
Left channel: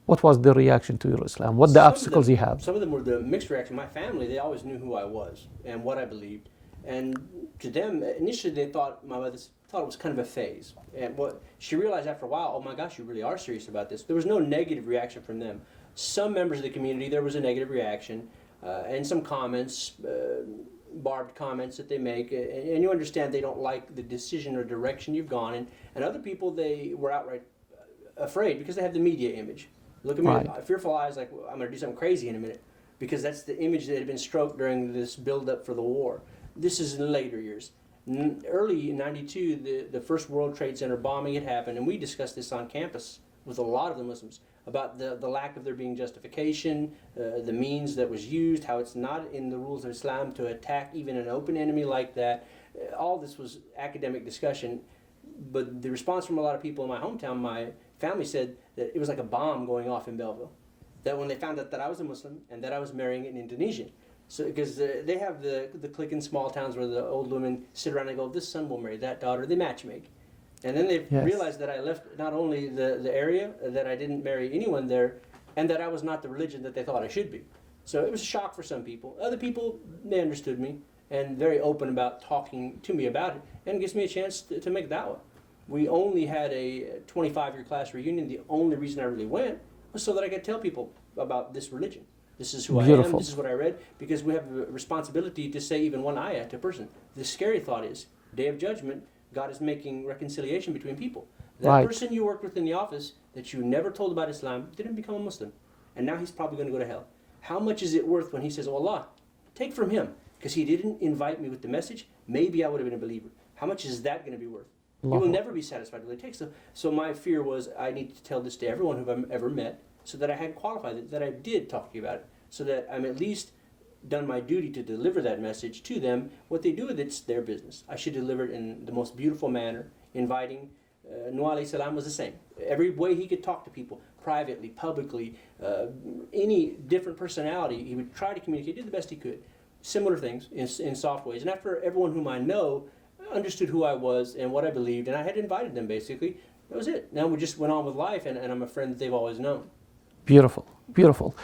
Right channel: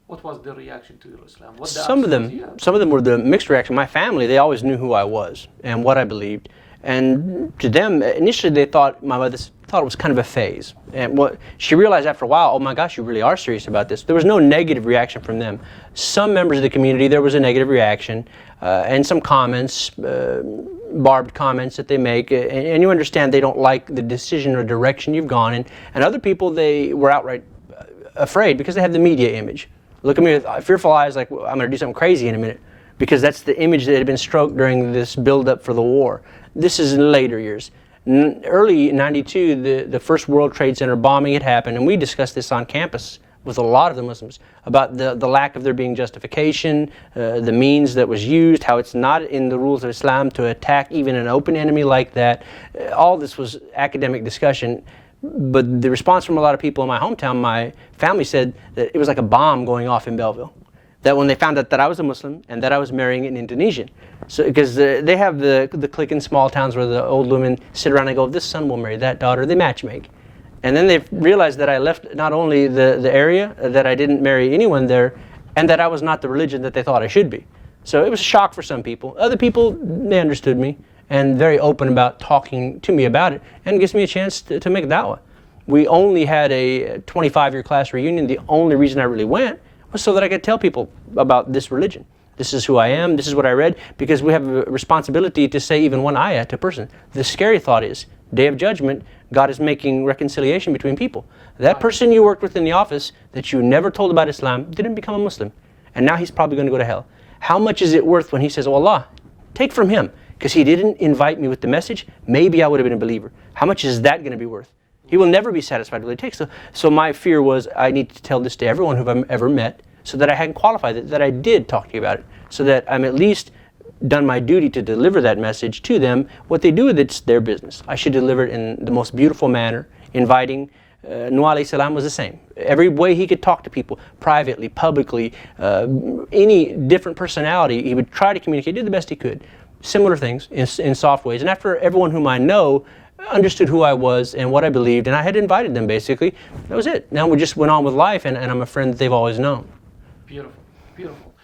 What was the reaction to your Islam? What the obstacles you have? Some of them were the mixed reaction. My family, they always knew who I was and what I believed. And to them, initially they thought, my mother thought it was kind of a phase. And what she realized after a while, oh my gosh, you really are serious about this. There was no negative reaction from them. Some members of the community, there was a negative reaction and some comments, barbed comments that they make. And you understand they don't like the decision or direction you've gone in. And other people, they were outright afraid because they have the media image. Look at me with fearful eyes like, well, I'm going to do something crazy in a minute, because that's the image that had been stroked during this build-up for the war. This is in later years. Early 92, the first World Trade Center bombing had happened, and we discussed this on campus with a lot of the Muslims about the lack of there being justification, the means that was used, how it's not in the rules of Islam to attack even an open enemy like that. All this was academic discussion. But the response from a lot of people in my hometown, my family said that it was like a bomb going off in Belleville. That when they found out that I was a Muslim and that I was marrying an Indonesian. So, because they have the clique in small towns where the old women sit around and go, this son will marry that daughter, they matchmake. And then they realized that I left not only the area, that I didn't marry anyone there, and that I was not the religion that they thought I should be. So it was a shock for some people. Other people, they understood me and very open about talking to me about it, and it gives me a chance to make da'wah. We only had a 25-year class reunion. The only reason I really went was so that I could tell people about this religion. This is who I am, this is what I read, because we have a responsibility to say even one ayah to a person. The scary thought is, Day of Judgment, God is making reconciliation between people. That person you worked with in the office that you never told about Islam didn't become a Muslim, and now he's probably going to go to hell. How much is it worth when he says, oh Allah, take from him, because he didn't invite me with the message, maybe I would have been a believer. How much is that going to be worth? He will never be satisfied with what it takes. So my fear was I need to tell this to everyone who I've ever met, so that I hadn't qualified it, that I did talk to you about it, so that I'm at least done my duty to deliver that message to them. What they do with it's their business. I should deliver it in the most beautiful manner, inviting. Nuh alayhi salam was the same. Every way he could talk to people, privately, publicly, any different personality, he would try to communicate, did the best he could. Similar things in soft ways. And after everyone whom I know understood who I was and what I believed, and I had invited them basically, that was it. Now we just went on with life, and I'm a friend that they've always known. Beautiful, beautiful.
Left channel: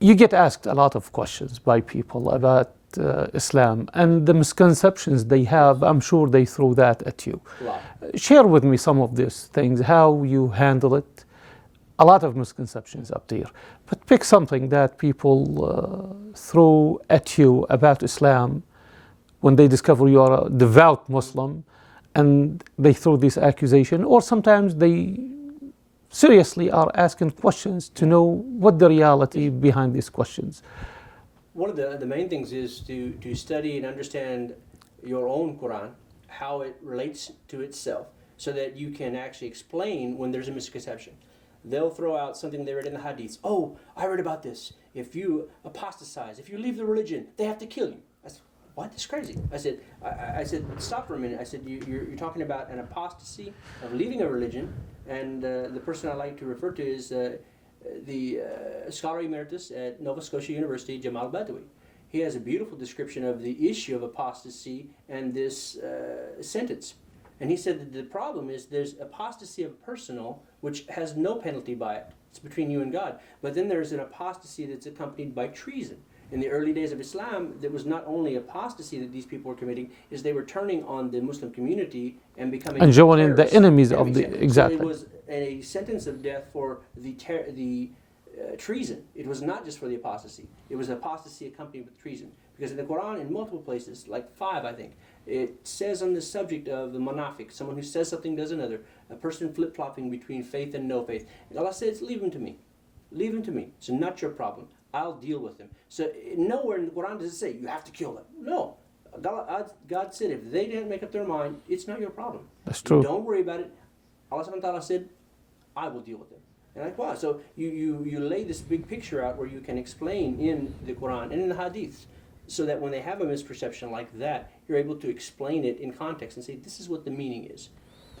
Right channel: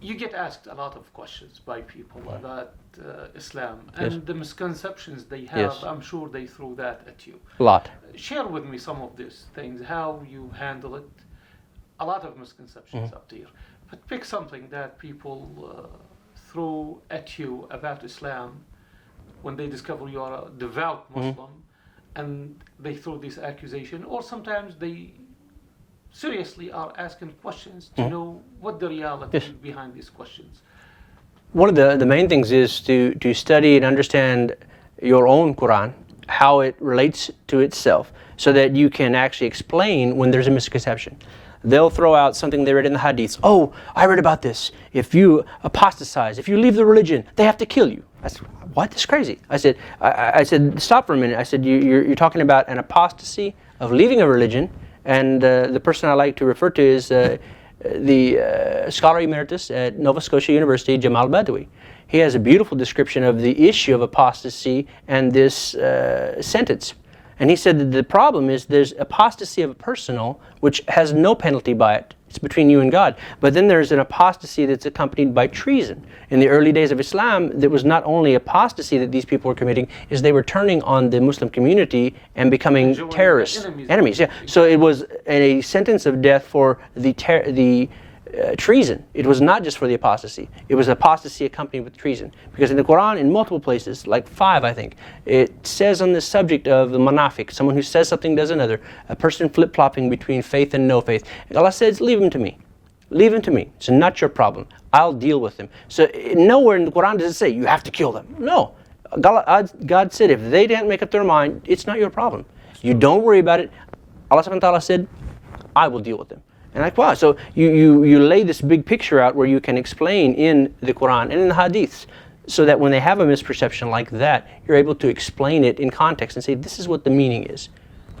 You get asked a lot of questions by people about Islam and the misconceptions they have. I'm sure they throw that at you. A lot. Share with me some of these things, how you handle it. A lot of misconceptions up there. But pick something that people throw at you about Islam when they discover you are a devout Muslim, and they throw this accusation, or sometimes they seriously are asking questions to know what the reality behind these questions. One of the main things is to study and understand your own Quran, how it relates to itself, so that you can actually explain when there's a misconception. They'll throw out something they read in the hadiths. Oh, I read about this. If you apostatize, if you leave the religion, they have to kill you. I said, what? That's crazy. I said, stop for a minute. I said, you're talking about an apostasy of leaving a religion, and the person I like to refer to is the scholar emeritus at Nova Scotia University, Jamal Badawi. He has a beautiful description of the issue of apostasy and this sentence. And he said that the problem is there's apostasy of a personal, which has no penalty by it. It's between you and God. But then there's an apostasy that's accompanied by treason. In the early days of Islam, there was not only apostasy that these people were committing, is they were turning on the Muslim community and becoming terrorists. The enemies. Yeah. Exactly. So it was a sentence of death for the treason. It was not just for the apostasy. It was apostasy accompanied with treason. Because in the Quran, in multiple places, like 5 I think, it says on the subject of the munafiq, someone who says something, does another, a person flip-flopping between faith and no faith. Allah says, leave him to me. Leave him to me. It's not your problem. I'll deal with them. So nowhere in the Quran does it say, you have to kill them. No. God said, if they didn't make up their mind, it's not your problem. You don't worry about it. Allah subhanahu wa ta'ala said, I will deal with them. And like, wow, so you lay this big picture out where you can explain in the Quran and in the Hadiths, so that when they have a misperception like that, you're able to explain it in context and say, this is what the meaning is.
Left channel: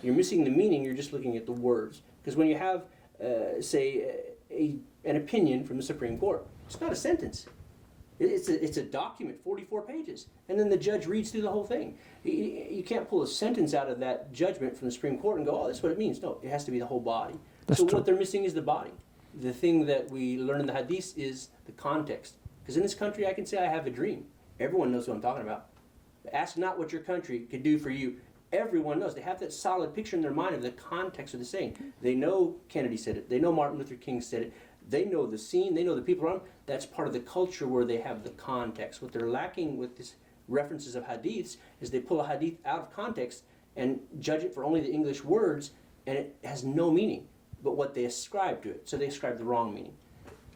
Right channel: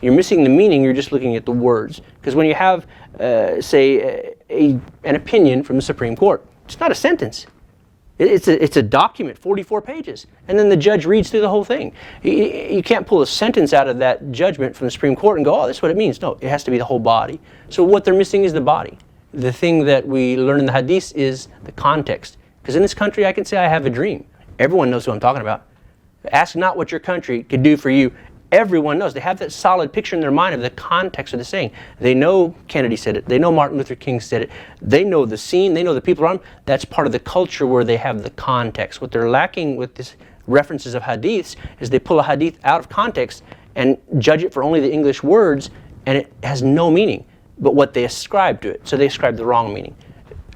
You're missing the meaning, you're just looking at the words. Because when you have, say, an opinion from the Supreme Court, it's not a sentence. It's a document, 44 pages. And then the judge reads through the whole thing. You can't pull a sentence out of that judgment from the Supreme Court and go, oh, this is what it means. No, it has to be the whole body. So what they're missing is the body. The thing that we learn in the Hadith is the context. Because in this country, I can say I have a dream. Everyone knows who I'm talking about. Ask not what your country could do for you. Everyone knows. They have that solid picture in their mind of the context of the saying. They know Kennedy said it. They know Martin Luther King said it. They know the scene. They know the people around them. That's part of the culture where they have the context. What they're lacking with these references of hadiths is they pull a hadith out of context and judge it for only the English words, and it has no meaning but what they ascribe to it. So they ascribe the wrong meaning.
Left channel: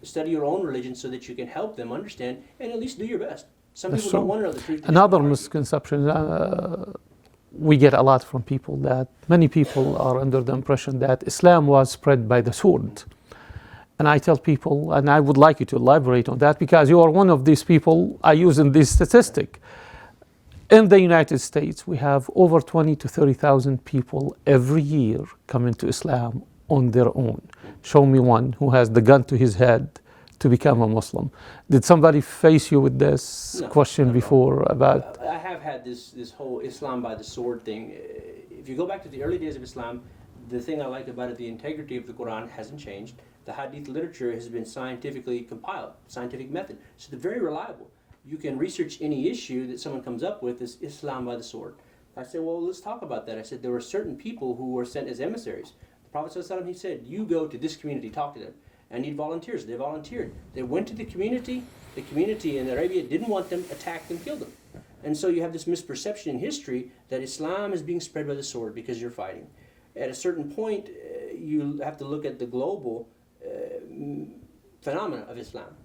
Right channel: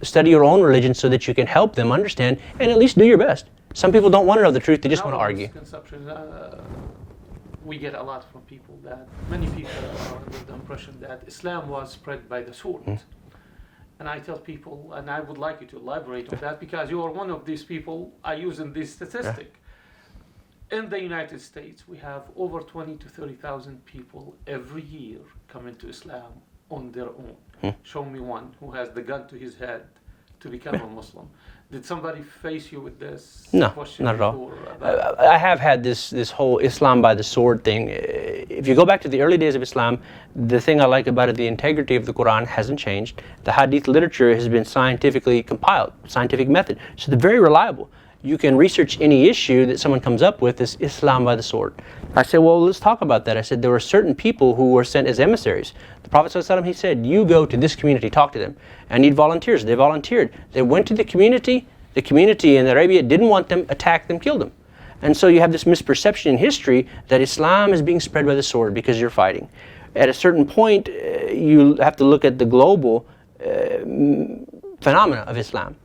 Study your own religion so that you can help them understand and at least do your best. Some people don't want to know the truth. They just want to argue. Another misconception we get a lot from people, that many people are under the impression that Islam was spread by the sword. And I tell people, and I would like you to elaborate on that, because you are one of these people I use in this statistic. In the United States, we have over 20 to 30,000 people every year come into Islam on their own. Show me one who has the gun to his head to become a Muslim. Did somebody face you with this question not at all. before? About I have had this whole Islam by the sword thing. If you go back to the early days of Islam, the thing I like about it, the integrity of the Quran hasn't changed. The Hadith literature has been scientifically compiled, scientific method. So they're very reliable. You can research any issue that someone comes up with as Islam by the sword. I said, well, let's talk about that. I said, there were certain people who were sent as emissaries. The Prophet ﷺ, he said, you go to this community, talk to them. I need volunteers. They volunteered. They went to the community in Arabia didn't want them, attacked them, killed them. And so you have this misperception in history that Islam is being spread by the sword because you're fighting. At a certain point, you have to look at the global phenomena of Islam.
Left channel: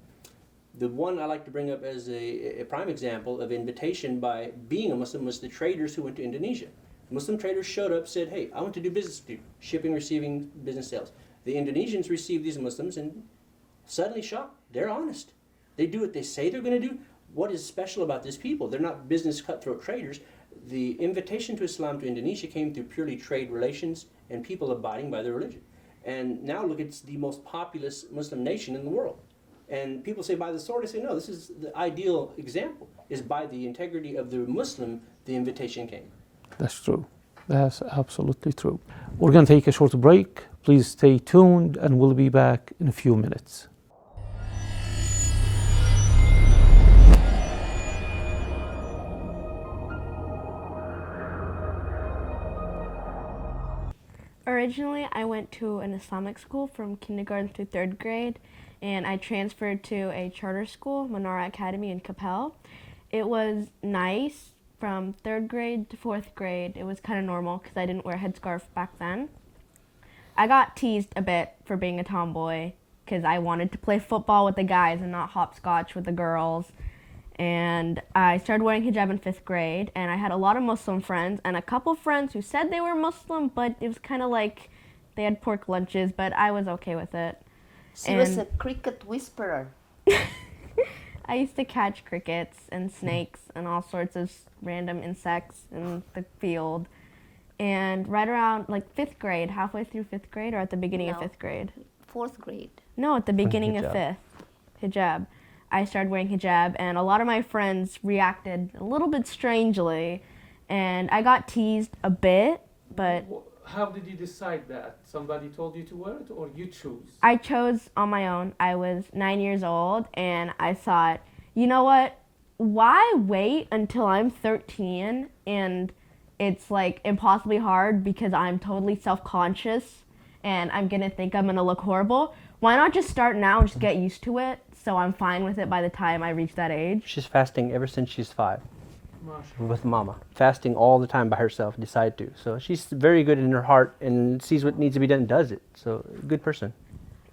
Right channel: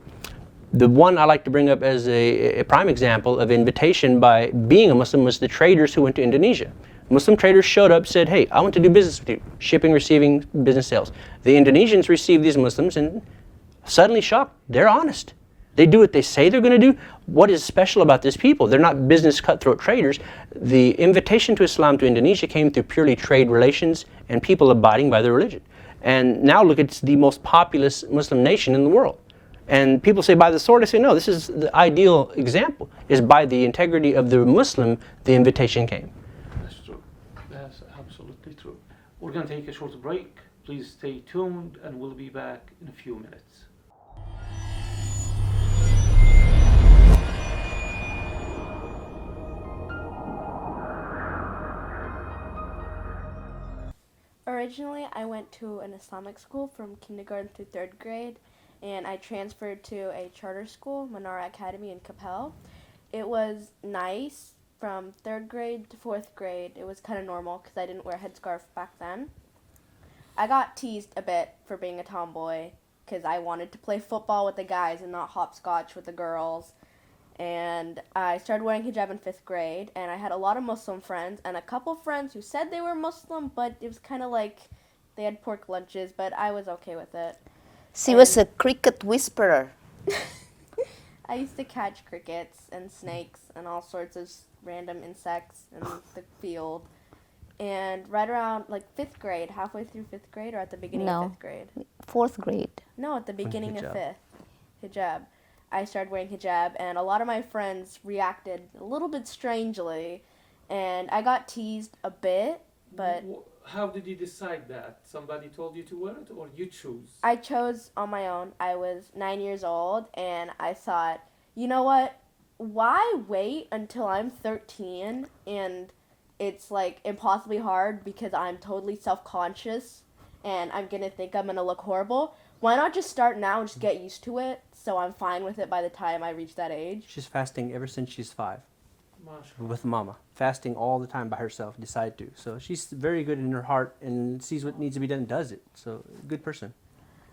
The one I like to bring up as a prime example of invitation by being a Muslim was the traders who went to Indonesia. Muslim traders showed up, said, hey, I want to do business with you, shipping, receiving, business sales. The Indonesians received these Muslims and suddenly shocked. They're honest. They do what they say they're going to do. What is special about these people? They're not business cutthroat traders. The invitation to Islam to Indonesia came through purely trade relations and people abiding by their religion. And now look, it's the most populous Muslim nation in the world. And people say by the sword, I say no, this is the ideal example, is by the integrity of the Muslim, the invitation came. That's true. That's absolutely true. We're going to take a short break. Please stay tuned and we'll be back in a few minutes. Originally, I went to an Islamic school from kindergarten through 3rd grade, and I transferred to a charter school, Manara Academy in Capel. It was nice from 3rd grade to 4th grade. It was kind of normal because I didn't wear a headscarf back then. I got teased a bit for being a tomboy because I wanted to play football with the guys and not hopscotch with the girls. And I started wearing hijab in 5th grade, and I had a lot of Muslim friends and a couple friends who said they were Muslim, but it was kind of like they had pork lunches, but I was okay with it. She was a cricket whisperer. I used to catch crickets and snakes and all sorts of random insects in the field. And right around like 5th grade, halfway through 5th grade, or at the beginning of 5th grade? 4th grade. No, at the beginning of 5th. Hijab. I started wearing hijab, and a lot of my friends reacted a little bit strangely, and I got teased a bit, but... How did you decide that? Somebody told you to wear it, or you chose? I chose on my own. I was 9 years old, and I thought, you know what? Why wait until I'm 13, and it's like impossibly hard because I'm totally self-conscious, and I'm going to think I'm going to look horrible? Why not just start now and just get used to it? So I'm fine with it by the time I reach that age. She's fasting ever since she's 5. With mama. Fasting all the time by herself, decided to. So she's very good in her heart and sees what needs to be done and does it. So good person.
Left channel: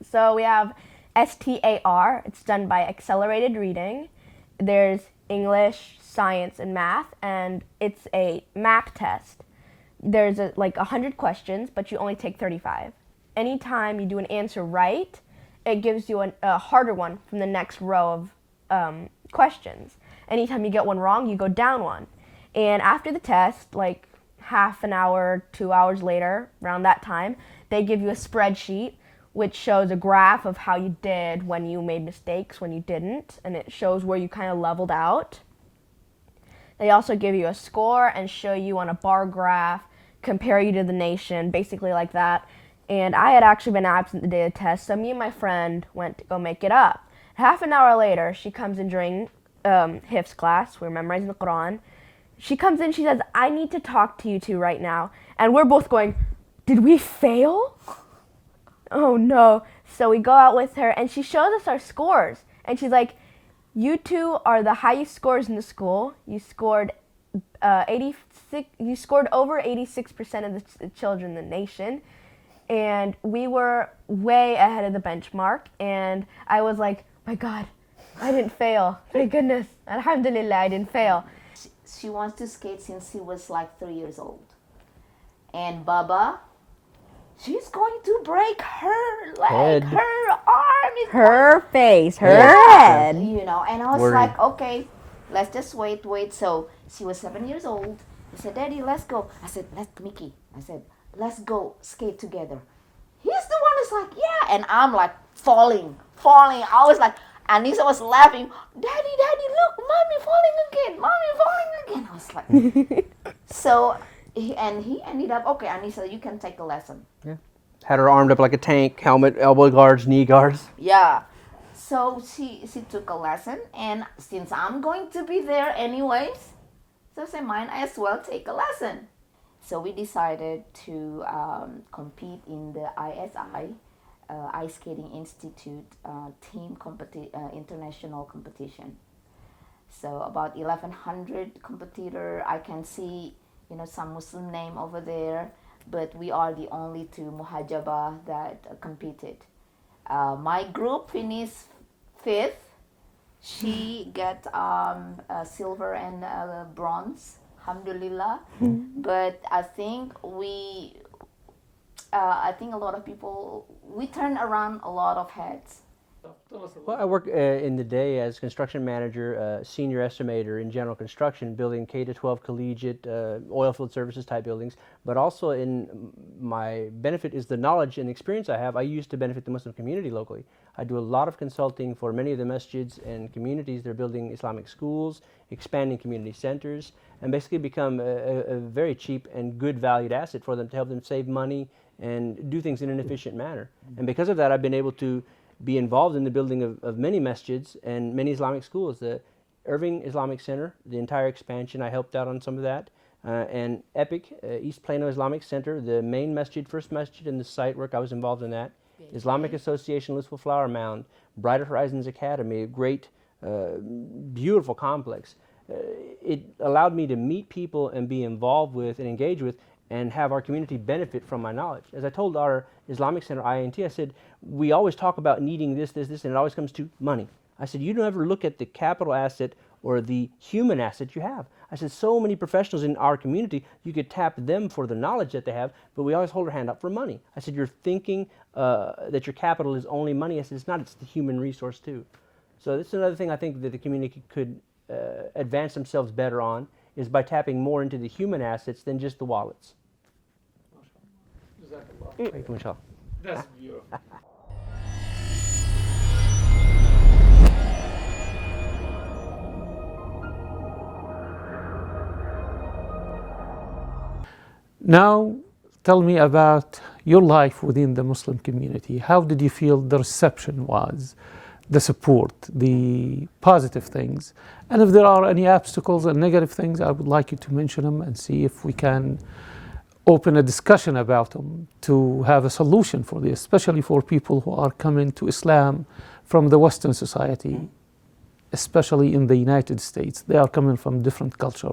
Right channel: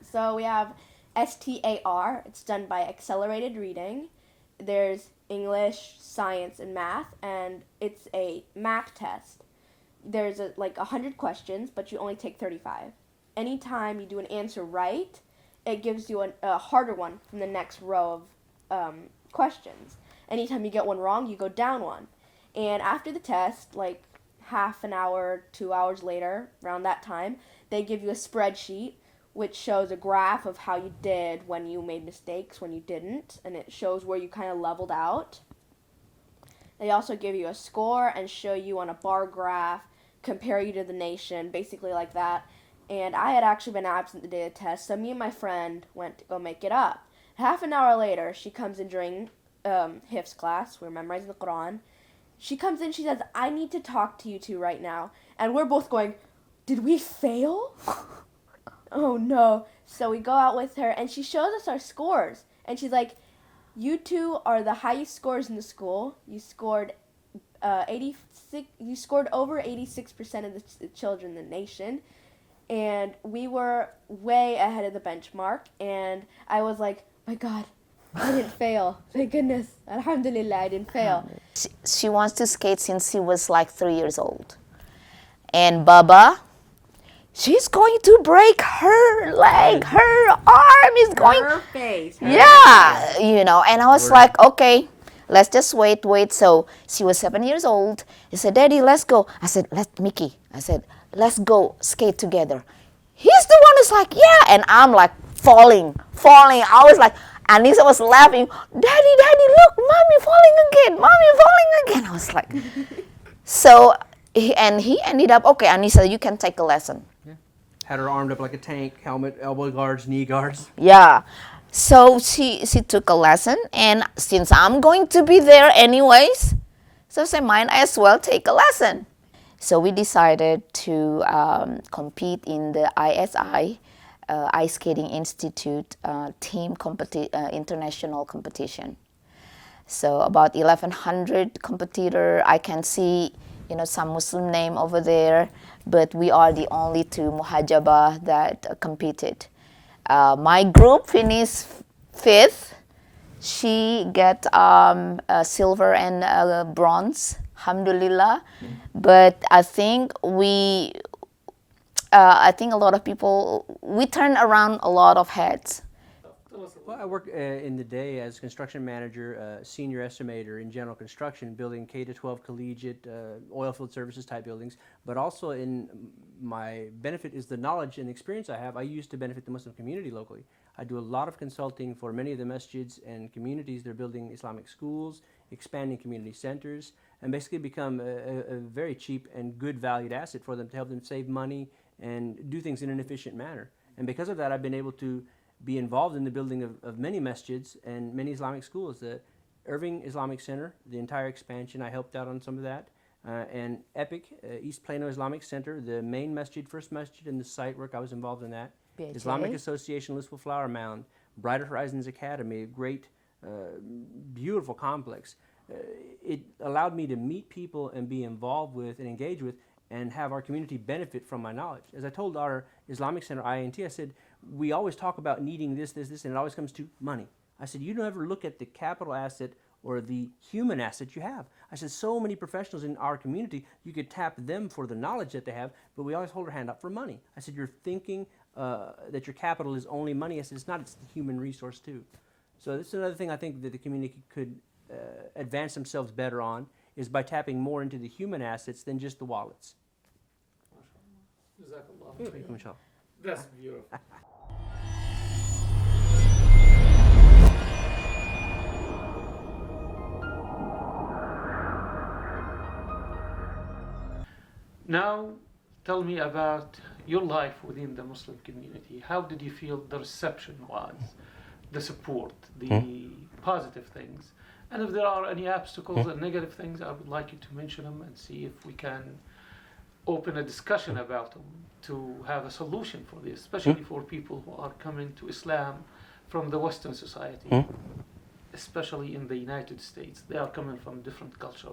So we have STAR. It's done by accelerated reading. There's English, science, and math. And it's a MAC test. There's like 100 questions, but you only take 35. Anytime you do an answer right, it gives you a harder one from the next row of questions. Anytime you get one wrong, you go down one. And after the test, like half an hour, 2 hours later, around that time, they give you a spreadsheet which shows a graph of how you did when you made mistakes, when you didn't, and it shows where you kind of leveled out. They also give you a score and show you on a bar graph, compare you to the nation, basically like that. And I had actually been absent the day of the test, so me and my friend went to go make it up. Half an hour later, she comes in during Hifz class. We're memorizing the Quran. She comes in, she says, I need to talk to you two right now. And we're both going, did we fail? Oh no. So we go out with her, and she shows us our scores. And she's like, you two are the highest scores in the school. You scored 86. You scored over 86% of the children in the nation. And we were way ahead of the benchmark. And I was like, my God, I didn't fail. Thank goodness. Alhamdulillah, I didn't fail. She wants to skate since she was like 3 years old. And Baba, she's going to break her leg. Her arm is going... Her face, her Yeah, head. you know. And I was like, okay, let's just wait. So she was 7 years old. He said, Daddy, let's go. I said, Mickey, I said, let's go skate together. He's the one who's like, yeah. And I'm like falling. I was like, Anissa was laughing, Daddy, look, Mommy falling again. I was like, so, he ended up, okay, Anissa, you can take a lesson. Yeah. Had her armed up like a tank, helmet, elbow guards, knee guards. Yeah. So she took a lesson, and since I'm going to be there anyways, so I said, might as well take a lesson. So we decided to compete in the ISI, Ice Skating Institute team international competition. So about 1,100 competitor. I can see, some Muslim name over there, but we are the only two Muhajaba that competed. My group finished 5th. She got silver and bronze, alhamdulillah. But I think a lot of people, we turn around a lot of heads. Well, I work in the day as construction manager, senior estimator in general construction, building K-12 collegiate oil field services type buildings. But also in my benefit is the knowledge and experience I have. I use to benefit the Muslim community locally. I do a lot of consulting for many of the masjids and communities. They're building Islamic schools, expanding community centers, and basically become a very cheap and good valued asset for them to help them save money and do things in an efficient manner. And because of that, I've been able to be involved in the building of many masjids and many Islamic schools. The Irving Islamic Center, the entire expansion, I helped out on some of that. And EPIC, East Plano Islamic Center, the main masjid, first masjid, and the site work, I was involved in that. Okay. Islamic Association, Louisville Flower Mound, Brighter Horizons Academy, a great, beautiful complex. It allowed me to meet people and be involved with and engage with and have our community benefit from my knowledge. As I told our Islamic Center, INT, I said, we always talk about needing this, and it always comes to money. I said, you don't ever look at the capital asset or the human asset you have. I said, so many professionals in our community, you could tap them for the knowledge that they have, but we always hold our hand up for money. I said, you're thinking that your capital is only money. I said, it's not, it's the human resource too. So this is another thing I think that the community could advance themselves better on, is by tapping more into the human assets than just the wallets. That's beautiful. Now, tell me about your life within the Muslim community. How did you feel the reception was, the support, the positive things? And if there are any obstacles and negative things, I would like you to mention them and see if we can open a discussion about them to have a solution for this, especially for people who are coming to Islam from the Western society, especially in the United States. They are coming from different culture,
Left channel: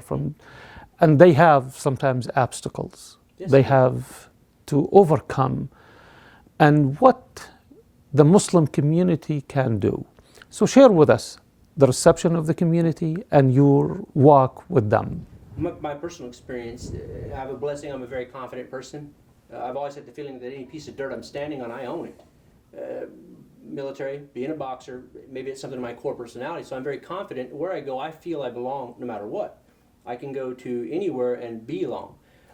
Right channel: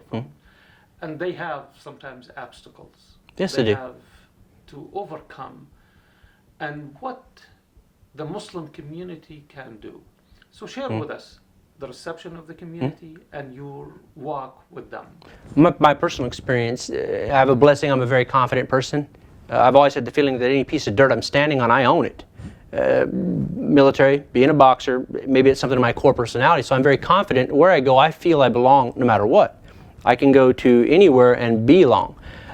and they have sometimes obstacles they have to overcome, and what the Muslim community can do. So share with us the reception of the community and your walk with them. My personal experience, I have a blessing. I'm a very confident person. I've always had the feeling that any piece of dirt I'm standing on, I own it. Military, being a boxer, maybe it's something in my core personality, so I'm very confident. Where I go, I feel I belong no matter what. I can go to anywhere and belong.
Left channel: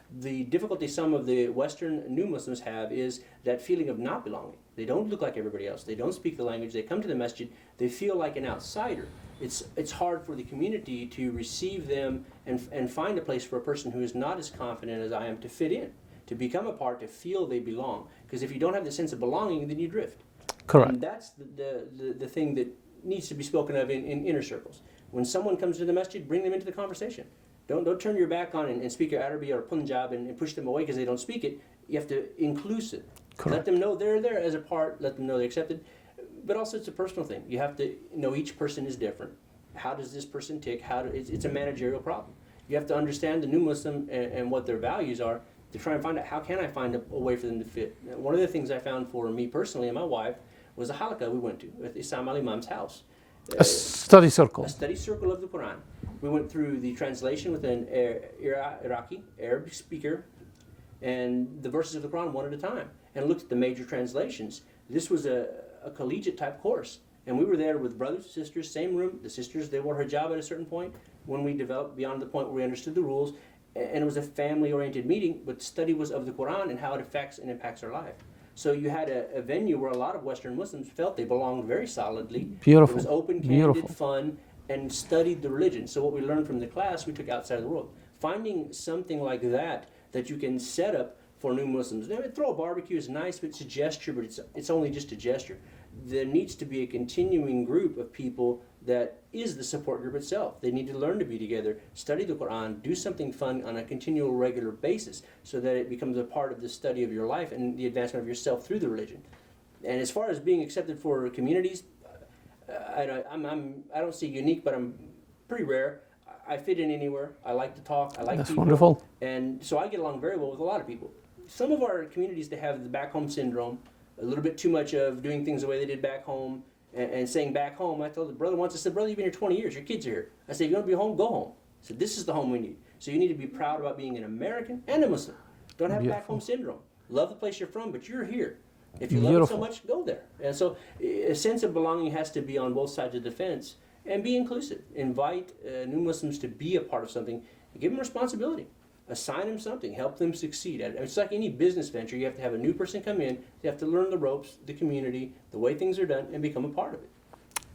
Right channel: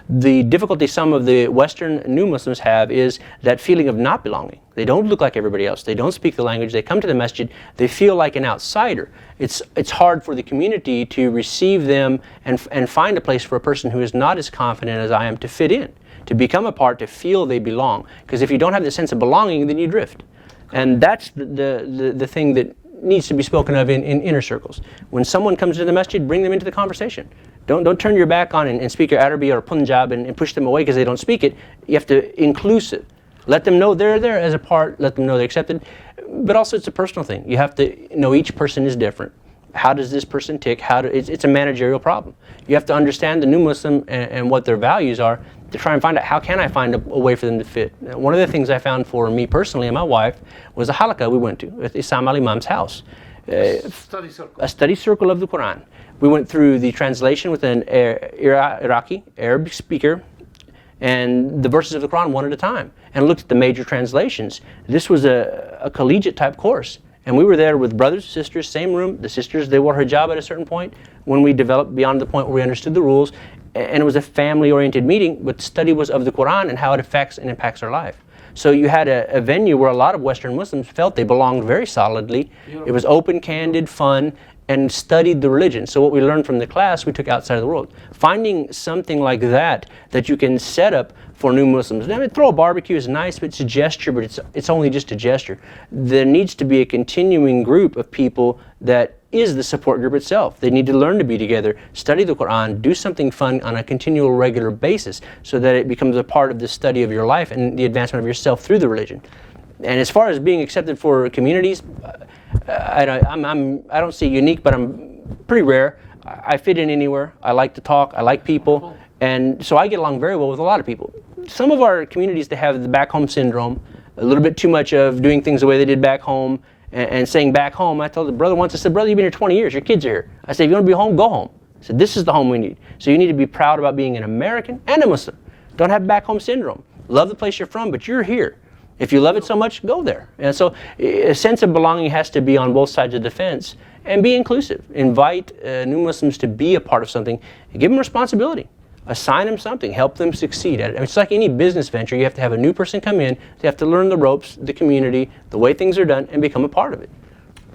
The difficulty some of the Western new Muslims have is that feeling of not belonging. They don't look like everybody else. They don't speak the language. They come to the masjid. They feel like an outsider. It's hard for the community to receive them and find a place for a person who is not as confident as I am to fit in, to become a part, to feel they belong. Because if you don't have the sense of belonging, then you drift. Correct. And that's the thing that needs to be spoken of in inner circles. When someone comes to the masjid, bring them into the conversation. Don't turn your back on and speak your Arabic or Punjab and push them away because they don't speak it. You have to inclusive. Correct. Let them know they're there as a part. Let them know they're accepted. But also it's a personal thing. You have to know each person is different. How does this person tick? It's a managerial problem. You have to understand the new Muslim and what their values are to try and find out how can I find a way for them to fit. Now, one of the things I found for me personally and my wife was a halaqah we went to at Isam al Imam's house. A study circle. A study circle of the Quran. We went through the translation with an Iraqi, Arab speaker, and the verses of the Quran one at a time, and looked at the major translations. This was a collegiate type course. And we were there with brothers and sisters, same room. The sisters, they wore hijab at a certain point when we developed beyond the point where we understood the rules. And it was a family-oriented meeting, but the study was of the Quran and how it affects and impacts our life. So you had a venue where a lot of Western Muslims felt they belonged very solidly. Beautiful. It was open, candid, fun, and studied the religion. So what we learned from the class, we took outside of the world. Finding something like that you can set up for new Muslims. I mean, throw a barbecue is nice, but it's a gesture, but it's only just a gesture. There needs to be a continuing group of people that is the support group itself. They need to learn to be together, study the Quran, do something fun on a continual, regular basis so that it becomes a part of the study of your life and the advancement of yourself through the religion. And as far as being accepted for communities, I don't say unique, but I'm pretty rare. I fit in anywhere. I like to talk. I like That's people. wonderful. And so I get along very well with a lot of people. Some of our communities, they have the back home syndrome, a little bit too much of doing things the way they did back home and saying back home. I told the brother once, I said, brother, you've been here 20 years. Your kids are here. I said, if you want to be home, go home. I said, this is the home we need. So you need to be proud about being an American and a Muslim. Don't have back home syndrome. Love the place you're from, but you're here. If you love it so much, go there. And so a sense of belonging has to be on both sides of the fence, and be inclusive. Invite new Muslims to be a part of something and give them responsibility. Assign them something, help them succeed at it. I mean, it's like any business venture. You have to have a new person come in, they have to learn the ropes, the community, the way things are done, and become a part of it.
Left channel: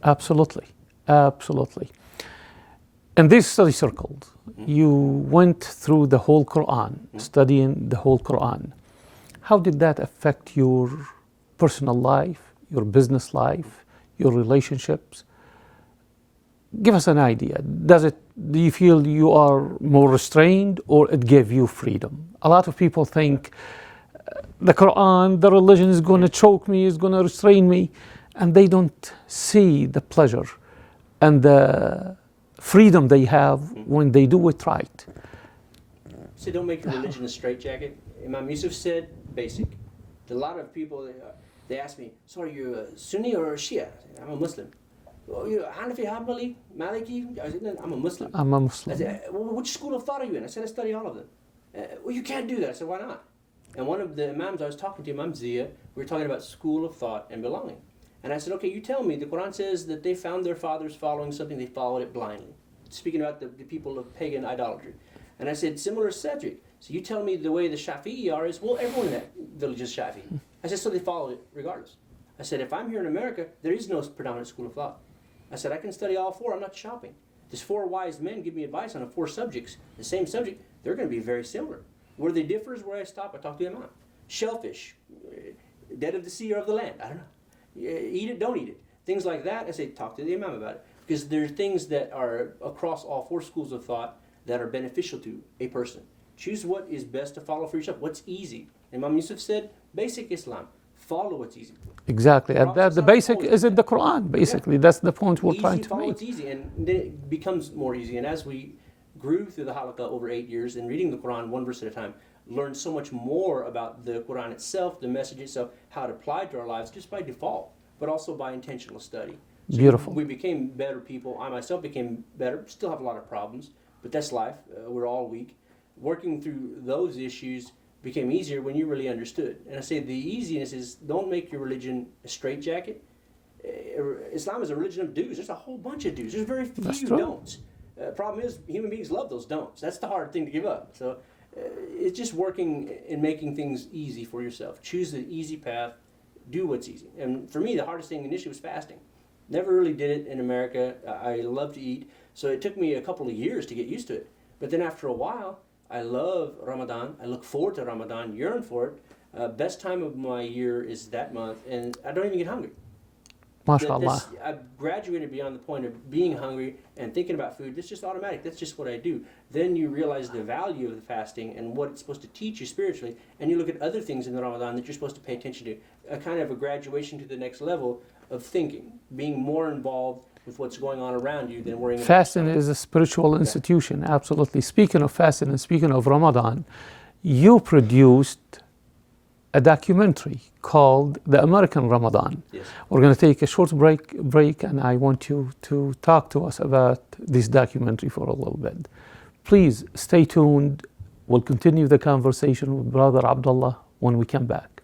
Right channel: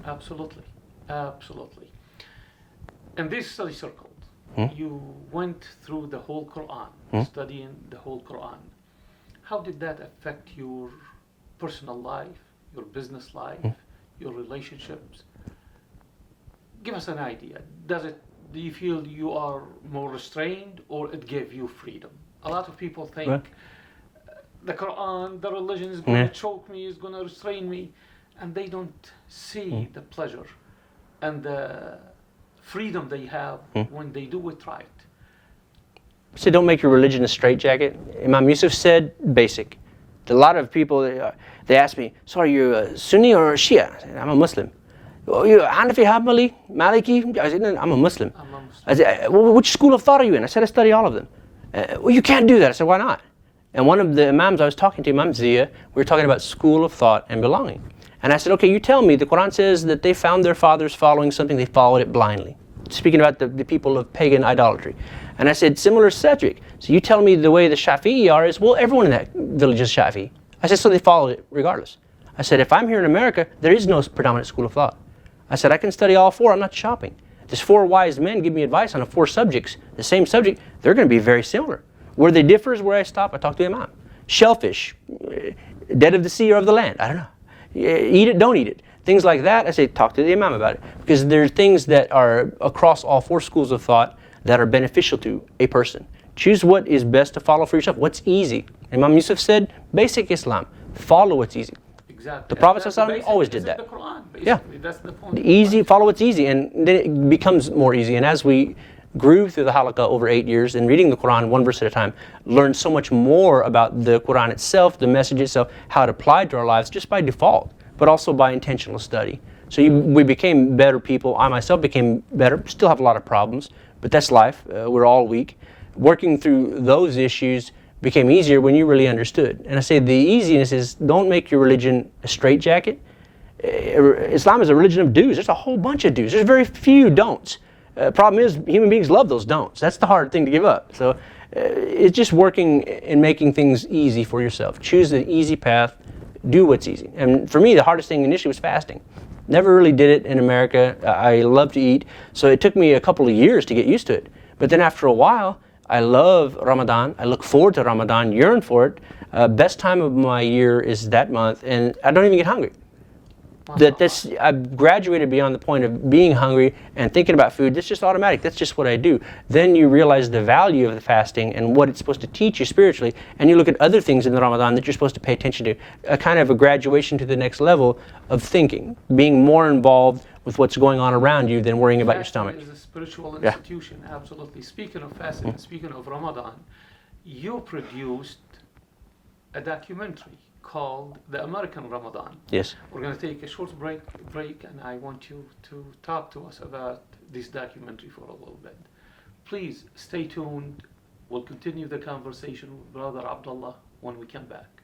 Absolutely, absolutely. In this study circle, you went through the whole Quran, studying the whole Quran. How did that affect your personal life, your business life, your relationships? Give us an idea. Do you feel you are more restrained, or it gave you freedom? A lot of people think the Quran, the religion is going to choke me, is going to restrain me, and they don't see the pleasure and the freedom they have when they do it right. So don't make your religion a straitjacket. Imam Yusuf said, basic. A lot of people, they ask me, so are you a Sunni or a Shia? I said, I'm a Muslim. Are you Hanafi, Hanbali, Maliki? I said, no, I'm a Muslim. I'm a Muslim. I said, well, which school of thought are you in? I said, I study all of them. Well, you can't do that. I said, why not? And one of the Imams I was talking to, Imam Zia, we were talking about school of thought and belonging. And I said, okay, you tell me, the Quran says that they found their fathers following something, they followed it blindly. Speaking about the people of pagan idolatry. And I said, similar subject. So you tell me the way the Shafi'i are is, well, everyone in that village is Shafi'i. I said, so they followed it regardless. I said, if I'm here in America, there is no predominant school of thought. I said, I can study all four, I'm not shopping. There's four wise men give me advice on 4 subjects, the same subject, they're going to be very similar. Where they differ is where I stop, I talk to the Imam. Shellfish, dead of the sea or of the land, I don't know. Eat it, don't eat it. Things like that, I say, talk to the Imam about it. Because there are things that are across all 4 schools of thought that are beneficial to a person. Choose what is best to follow for yourself, what's easy. Imam Yusuf said, basic Islam, follow what's easy. Exactly. The Prophet the basic is the Quran, basically. Yeah. That's the point. Easy, follow what's easy, and then it becomes more easy. And as we grew through the halaqah over 8 years and reading the Quran 1 verse at a time, learned so much more about the Quran itself, the message itself, how it applied to our lives just by default, but also by intentional study. So we became better people. I myself became better, still have a lot of problems, but that's life. We're all weak. Working through those issues became easier when you really understood. And I say the easiness is, don't make your religion a straitjacket. Islam is a religion of do's. There's a whole bunch of do's. There's very few don'ts. Problem is, human beings love those don'ts. That's the hard thing to give up. So it's just working and making things easy for yourself. Choose the easy path. Do what's easy. And for me, the hardest thing initially was fasting. Never really did it in America. I love to eat. So it took me a couple of years to get used to it. But then after a while, I love Ramadan. I look forward to Ramadan, yearn for it. Best time of my year is that month, and I don't even get hungry. I've graduated beyond the point of being hungry and thinking about food. That's just automatic. That's just what I do. Then you realize the value of the fasting and what it's supposed to teach you spiritually, and you look at other things in the Ramadan that you're supposed to pay attention to. A kind of a graduation to the next level of thinking, being more involved with what's going on around you than worrying about your stomach. Fasting is a spiritual institution, absolutely. Speaking of fasting and speaking of Ramadan, you produced a documentary called The American Ramadan. Yes. We're going to take a short break, and I want you to talk to us about this documentary for a little bit. Please stay tuned. We'll continue the conversation with Brother Abdullah when we come back.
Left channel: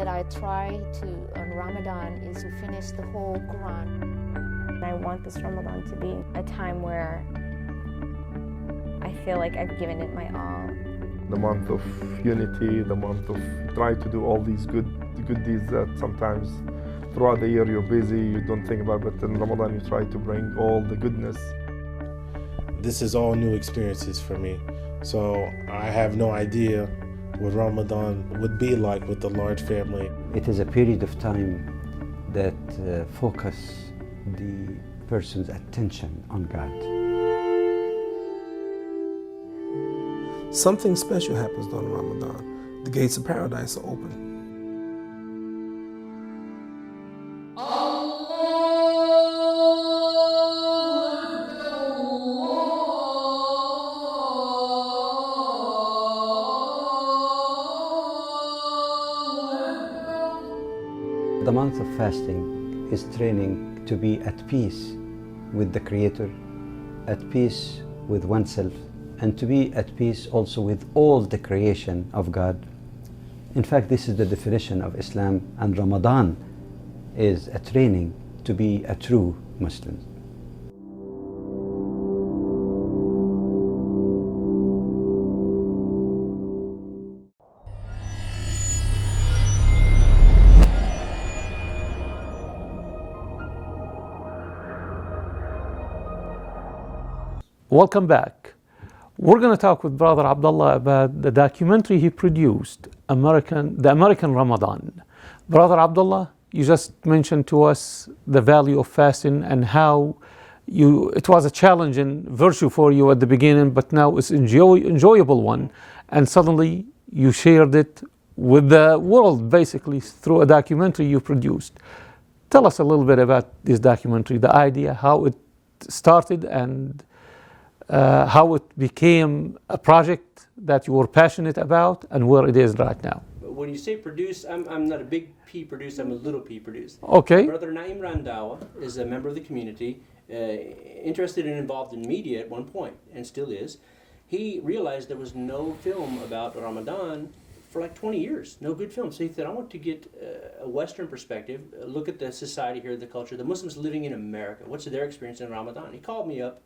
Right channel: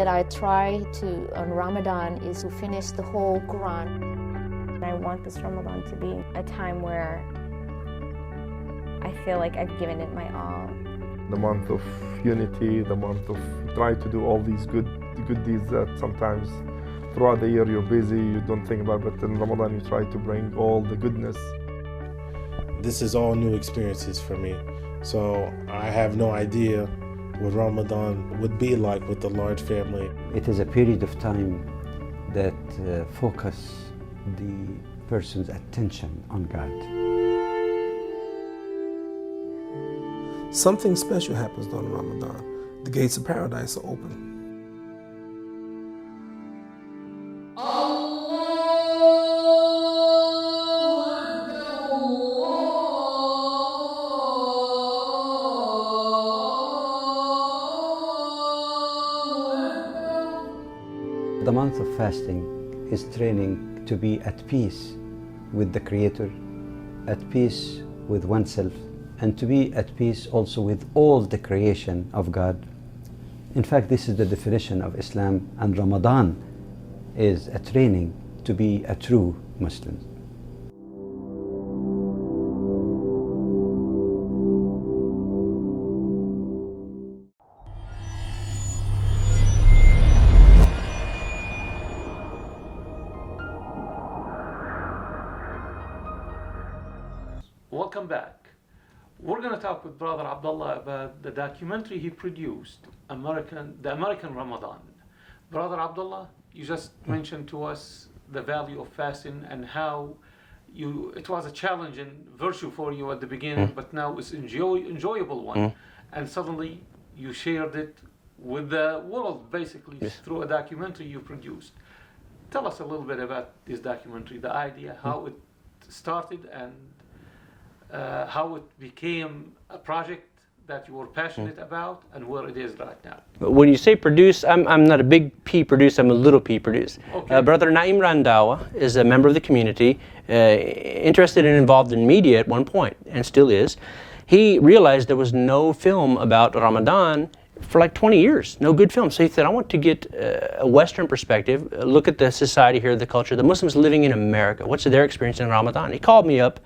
that I try to on Ramadan is to finish the whole Quran. I want this Ramadan to be a time where I feel like I've given it my all. The month of unity, the month of try to do all these good deeds that sometimes throughout the year you're busy, you don't think about, but in Ramadan you try to bring all the goodness. This is all new experiences for me, so I have no idea what Ramadan would be like with a large family. It is a period of time that focus the person's attention on God. Something special happens during Ramadan. The gates of paradise are open. The month of fasting is training to be at peace with the Creator, at peace with oneself, and to be at peace also with all the creation of God. In fact, this is the definition of Islam, and Ramadan is a training to be a true Muslim. Welcome back. We're going to talk with Brother Abdullah about the documentary he produced, the American Ramadan. Brother Abdullah, you just mentioned to us the value of fasting and how it was a challenging virtue for you at the beginning, but now it's enjoyable one. And suddenly you shared it with the world, basically, through a documentary you produced. Tell us a little bit about this documentary, the idea, how it started, and how it became a project that you were passionate about, and where it is right now. When you say produce, I'm not a big P produce, I'm a little P produce. Okay. Brother Naim Randawa is a member of the community, interested and involved in media at one point, and still is. He realized there was no film about Ramadan for like 20 years, no good film. So he said, I want to get a Western perspective, look at the society here, the culture, the Muslims living in America. What's their experience in Ramadan? He called me up.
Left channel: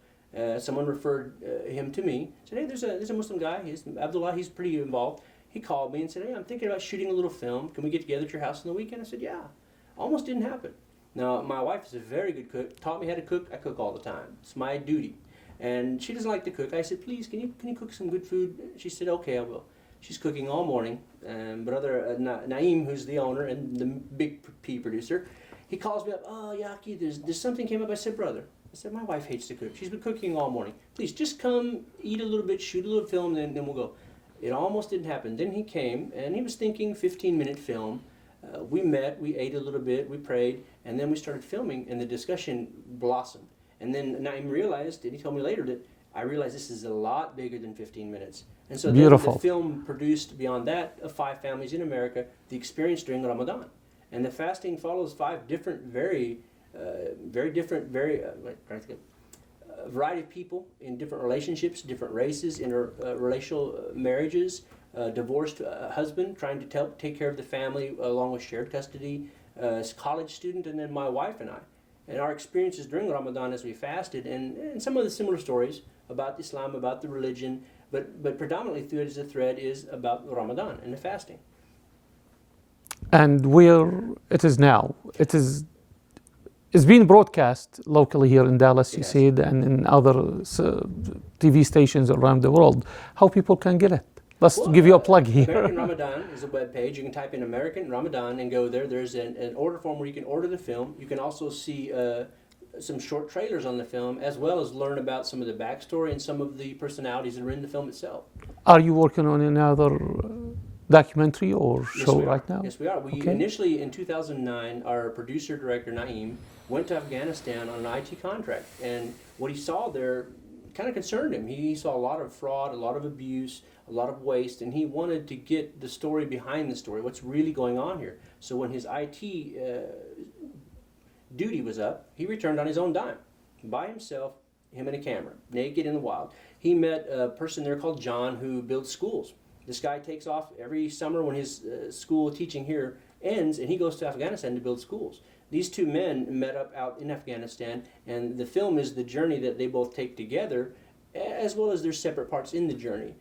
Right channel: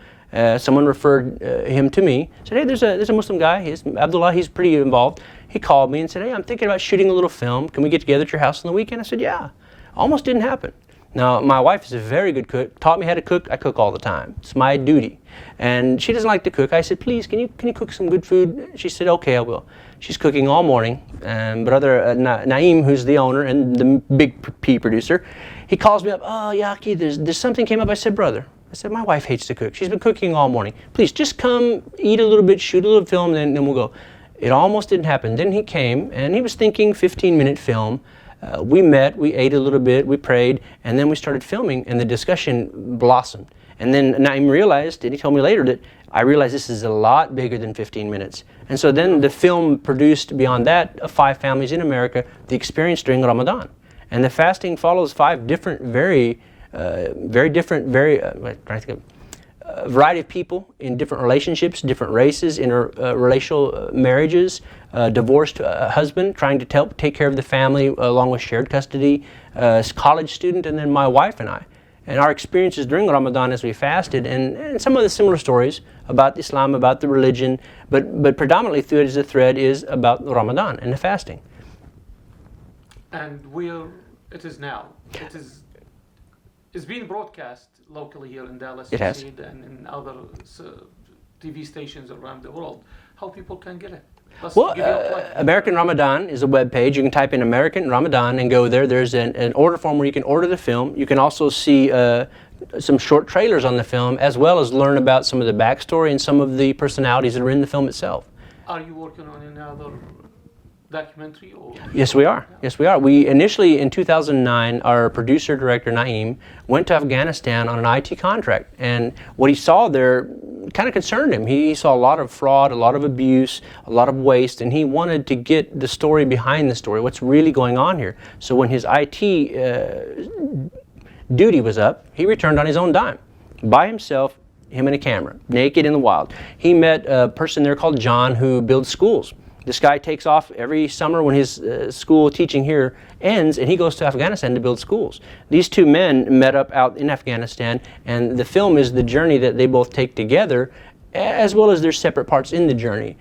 Someone referred him to me. Said, hey, there's a Muslim guy. He's Abdullah. He's pretty involved. He called me and said, hey, I'm thinking about shooting a little film. Can we get together at your house on the weekend? I said, yeah. Almost didn't happen. Now, my wife is a very good cook. Taught me how to cook. I cook all the time. It's my duty. And she doesn't like to cook. I said, please, can you cook some good food? She said, okay, I will. She's cooking all morning. And Brother Naim, who's the owner and the big P producer, he calls me up. Oh, Yaki, there's something came up. I said, brother. I said, my wife hates to cook. She's been cooking all morning. Please, just come, eat a little bit, shoot a little film, and then we'll go. It almost didn't happen. Then he came, and he was thinking 15-minute film. We met, we ate a little bit, we prayed, and then we started filming, and the discussion blossomed. And then Naim realized, and he told me later, that I realized this is a lot bigger than 15 minutes. And so then the film produced beyond that of 5 families in America, the experience during Ramadan. And the fasting follows 5 different, very variety of people in different relationships, different races, interracial marriages, divorced husband trying to take care of the family along with shared custody, college student, and then my wife and I. And our experiences during Ramadan as we fasted, and some of the similar stories about Islam, about the religion, but predominantly through it as a thread is about Ramadan and the fasting. And where it is now, it's being broadcast locally here in Dallas, you said, and in other TV stations around the world. How people can get it? Let's give you a plug here. American Ramadan is a web page. You can type in American Ramadan and go there. There's an order form where you can order the film. You can also see some short trailers on the film, as well as learn about some of the backstory and some of the personalities that are in the film itself. Are you working on another documentary or Yes, we are. Yes, we are. We initially, in 2009, our producer director Naim went to Afghanistan on an IT contract, and what he saw there kind of concerned him. He saw a lot of fraud, a lot of abuse, a lot of waste, and he wanted to get the story behind the story. What's really going on here? So when his IT duty was up, he returned on his own dime, by himself, him and a camera, naked in the wild. He met a person there called John who builds schools. This guy takes off every summer when his school teaching here ends, and he goes to Afghanistan to build schools. These two men met up out in Afghanistan, and the film is the journey that they both take together, as well as their separate parts in the journey.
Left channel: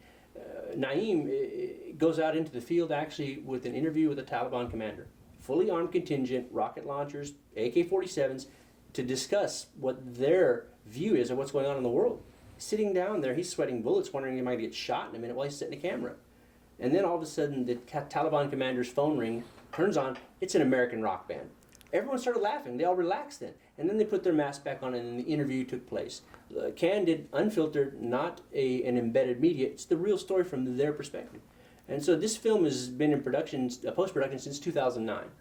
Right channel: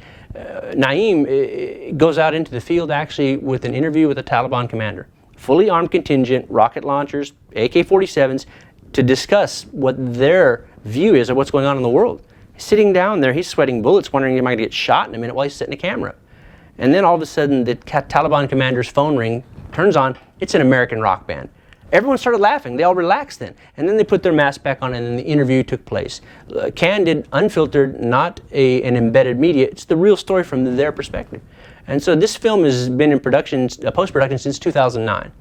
Naeem goes out into the field actually with an interview with a Taliban commander, fully armed contingent, rocket launchers, AK-47s, to discuss what their view is of what's going on in the world. Sitting down there, he's sweating bullets, wondering he might get shot in a minute while he's setting a camera. And then all of a sudden, the Taliban commander's phone ring turns on. It's an American rock band. Everyone started laughing. They all relaxed then. And then they put their mask back on, and then the interview took place. Candid, unfiltered, not an embedded media. It's the real story from their perspective. And so this film has been in production, post-production, since 2009.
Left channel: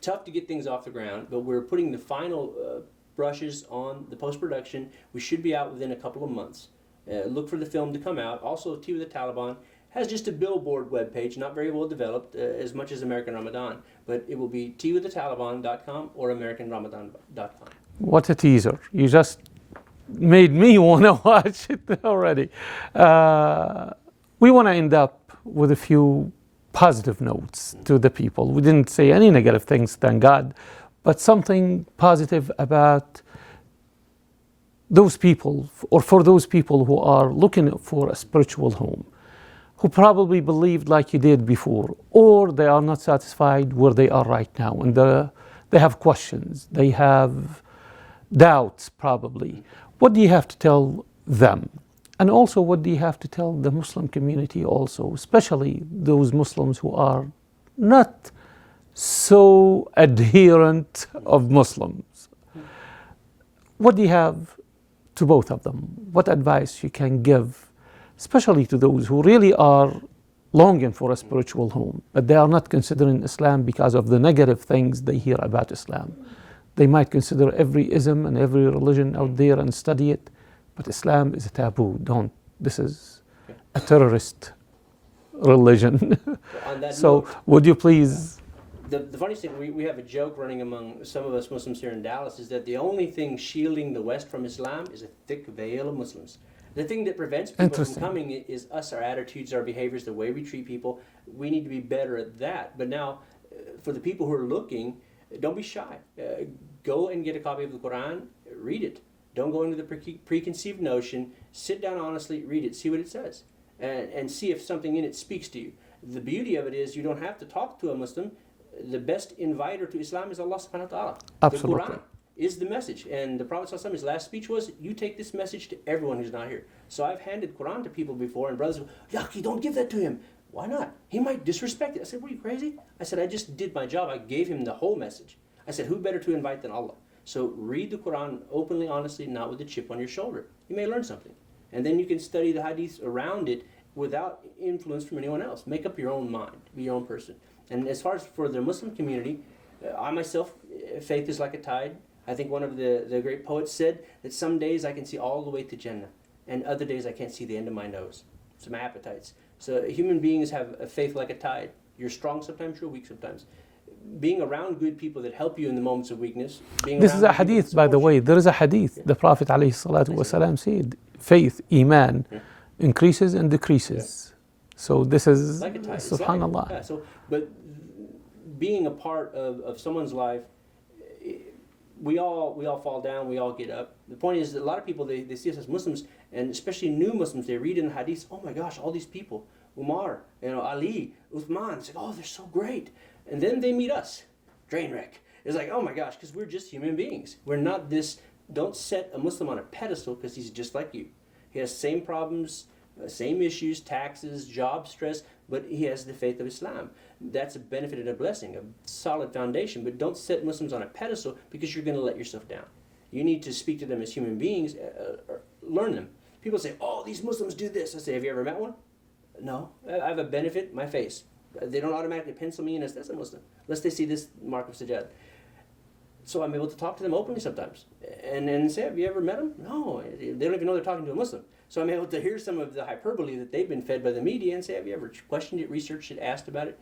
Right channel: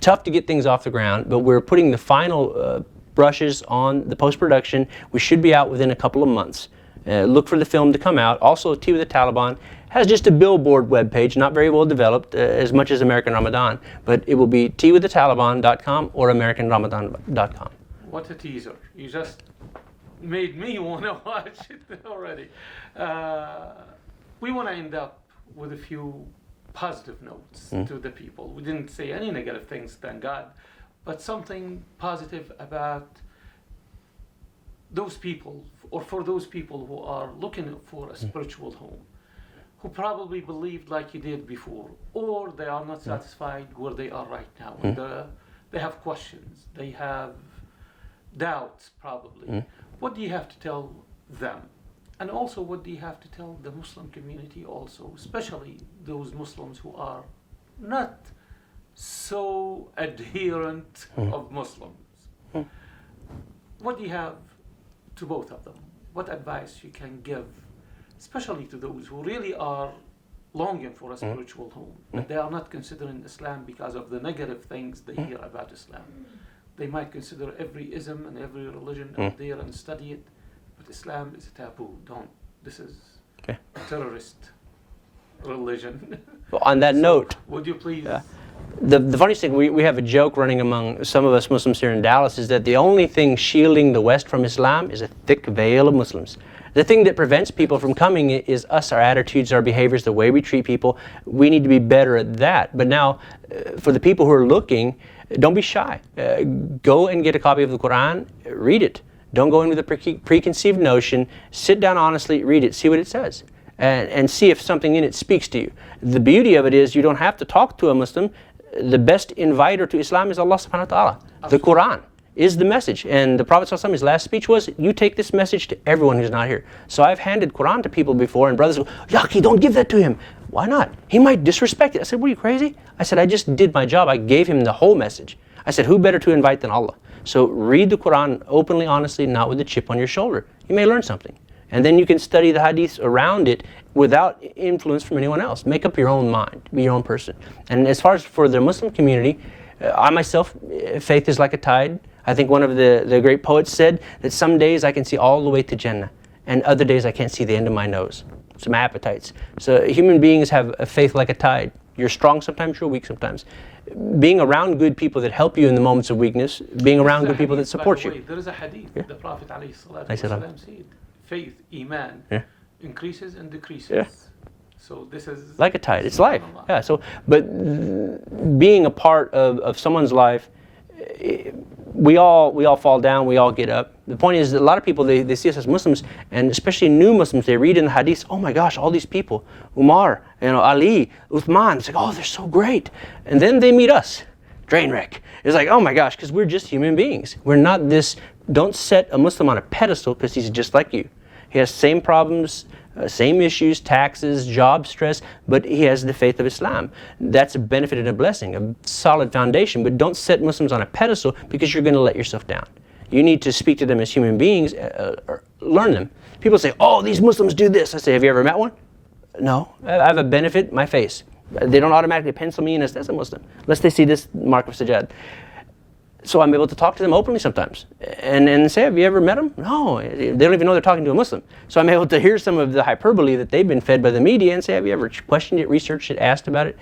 Tough to get things off the ground, but we're putting the final brushes on the post-production. We should be out within a couple of months. Look for the film to come out. Also, Tea with the Taliban has just a billboard webpage, not very well developed, as much as American Ramadan, but it will be teawiththetaliban.com or americanramadan.com. What a teaser. You just made me want to watch it already. We want to end up with a few positive notes to the people. We didn't say any negative things, thank God, but something positive about those people, or for those people who are looking for a spiritual home, who probably believed like you did before, or they are not satisfied where they are right now, and they have questions, they have doubts probably. What do you have to tell them? And also, what do you have to tell the Muslim community also, especially those Muslims who are not so adherent of Muslims? What do you have to both of them? What advice you can give, especially to those who really are longing for a spiritual home, but they are not considering Islam because of the negative things they hear about Islam? They might consider every ism and every religion out there and study it, but Islam is a taboo. Don't. This is a terrorist religion. Well, on that note, would you please... The funniest thing, we have a joke running among some of us Muslims here in Dallas, is that the only thing shielding the West from Islam is a thick veil of Muslims. The thing that prevents people from coming is us, our attitudes, our behaviors, the way we treat people. We need to be better at that. But now, for the people who are looking, don't be shy. Go and get a copy of the Quran, read it. Don't go in with a preconceived notion. Sit down honestly, read it, see what it says, and see if something in it speaks to you. The beauty of it is you don't have to talk to a Muslim. The best inviter to Islam is Allah subhanahu wa ta'ala. The Quran is the message. And the Prophet ﷺ, his last speech was, you take this message to everyone who's not here. So I've handed Quran to people before, and brothers go, Yaki, don't give that to him. Why not? He might disrespect it. I said, what, are you crazy? I said, I just did my job. I gave him the whole message. I said, who better to invite than Allah? So read the Quran openly, honestly, not with a chip on your shoulder. You may learn something. And then you can study the hadiths around it without influence from anyone else. Make up your own mind, be your own person. And as far as for the Muslim community, I myself, faith is like a tide. I think one of the great poets said that some days I can see all the way to Jannah, and other days I can't see the end of my nose. Some appetites. So human beings have a faith like a tide. You're strong sometimes, you're weak sometimes. Being around good people that help you in the moments of weakness, being around good people that support you. By the way, there is a hadith. The Prophet ﷺ said, faith, iman, increases and decreases. So this is like a tide. It's life. Yeah. So, but being a part of someone's life, we all fall down. We all get up. The point is that a lot of people they see us as Muslims, and especially new Muslims, they read in the hadiths, oh my gosh, all these people, Umar, Ali, Uthman. It's like, oh, they're so great. And then they meet us, train wreck. It's like, oh my gosh, because we're just human beings. We're not this. Don't set a Muslim on a pedestal because he's just like you. He has same problems, same issues, taxes, job stress, but he has the faith of Islam. That's a benefit and a blessing, a solid foundation. But don't set Muslims on a pedestal because you're going to let yourself down. You need to speak to them as human beings, or learn them. People say, oh, these Muslims do this. I say, have you ever met one? No. I have a benefit, my face. They don't automatically pencil me in as a Muslim, unless they see this mark of sajad. So I'm able to talk to them openly sometimes and say, have you ever met them? No, they don't even know they're talking to a Muslim. So I'm able to hear some of the hyperbole that they've been fed by the media and say, have you ever questioned it, researched it, asked about it?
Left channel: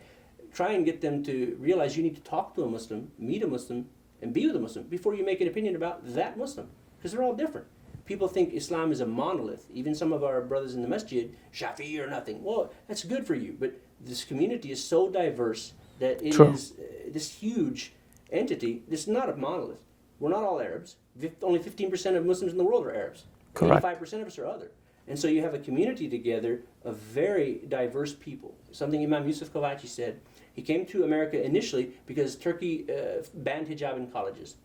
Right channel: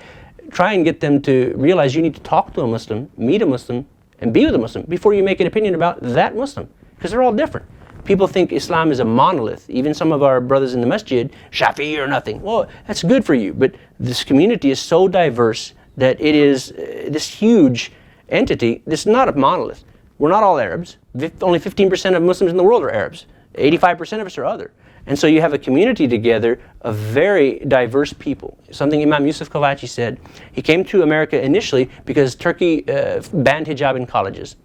Try and get them to realize you need to talk to a Muslim, meet a Muslim, and be with a Muslim before you make an opinion about that Muslim, because they're all different. People think Islam is a monolith. Even some of our brothers in the masjid, Shafi'i or nothing. Well, that's good for you, but this community is so diverse that it is this huge entity. This is not a monolith. We're not all Arabs. Only 15% of Muslims in the world are Arabs. 85% of us are other. And so you have a community together of very diverse people. Something Imam Yusuf Kalachi said. He came to America initially because Turkey banned hijab in colleges.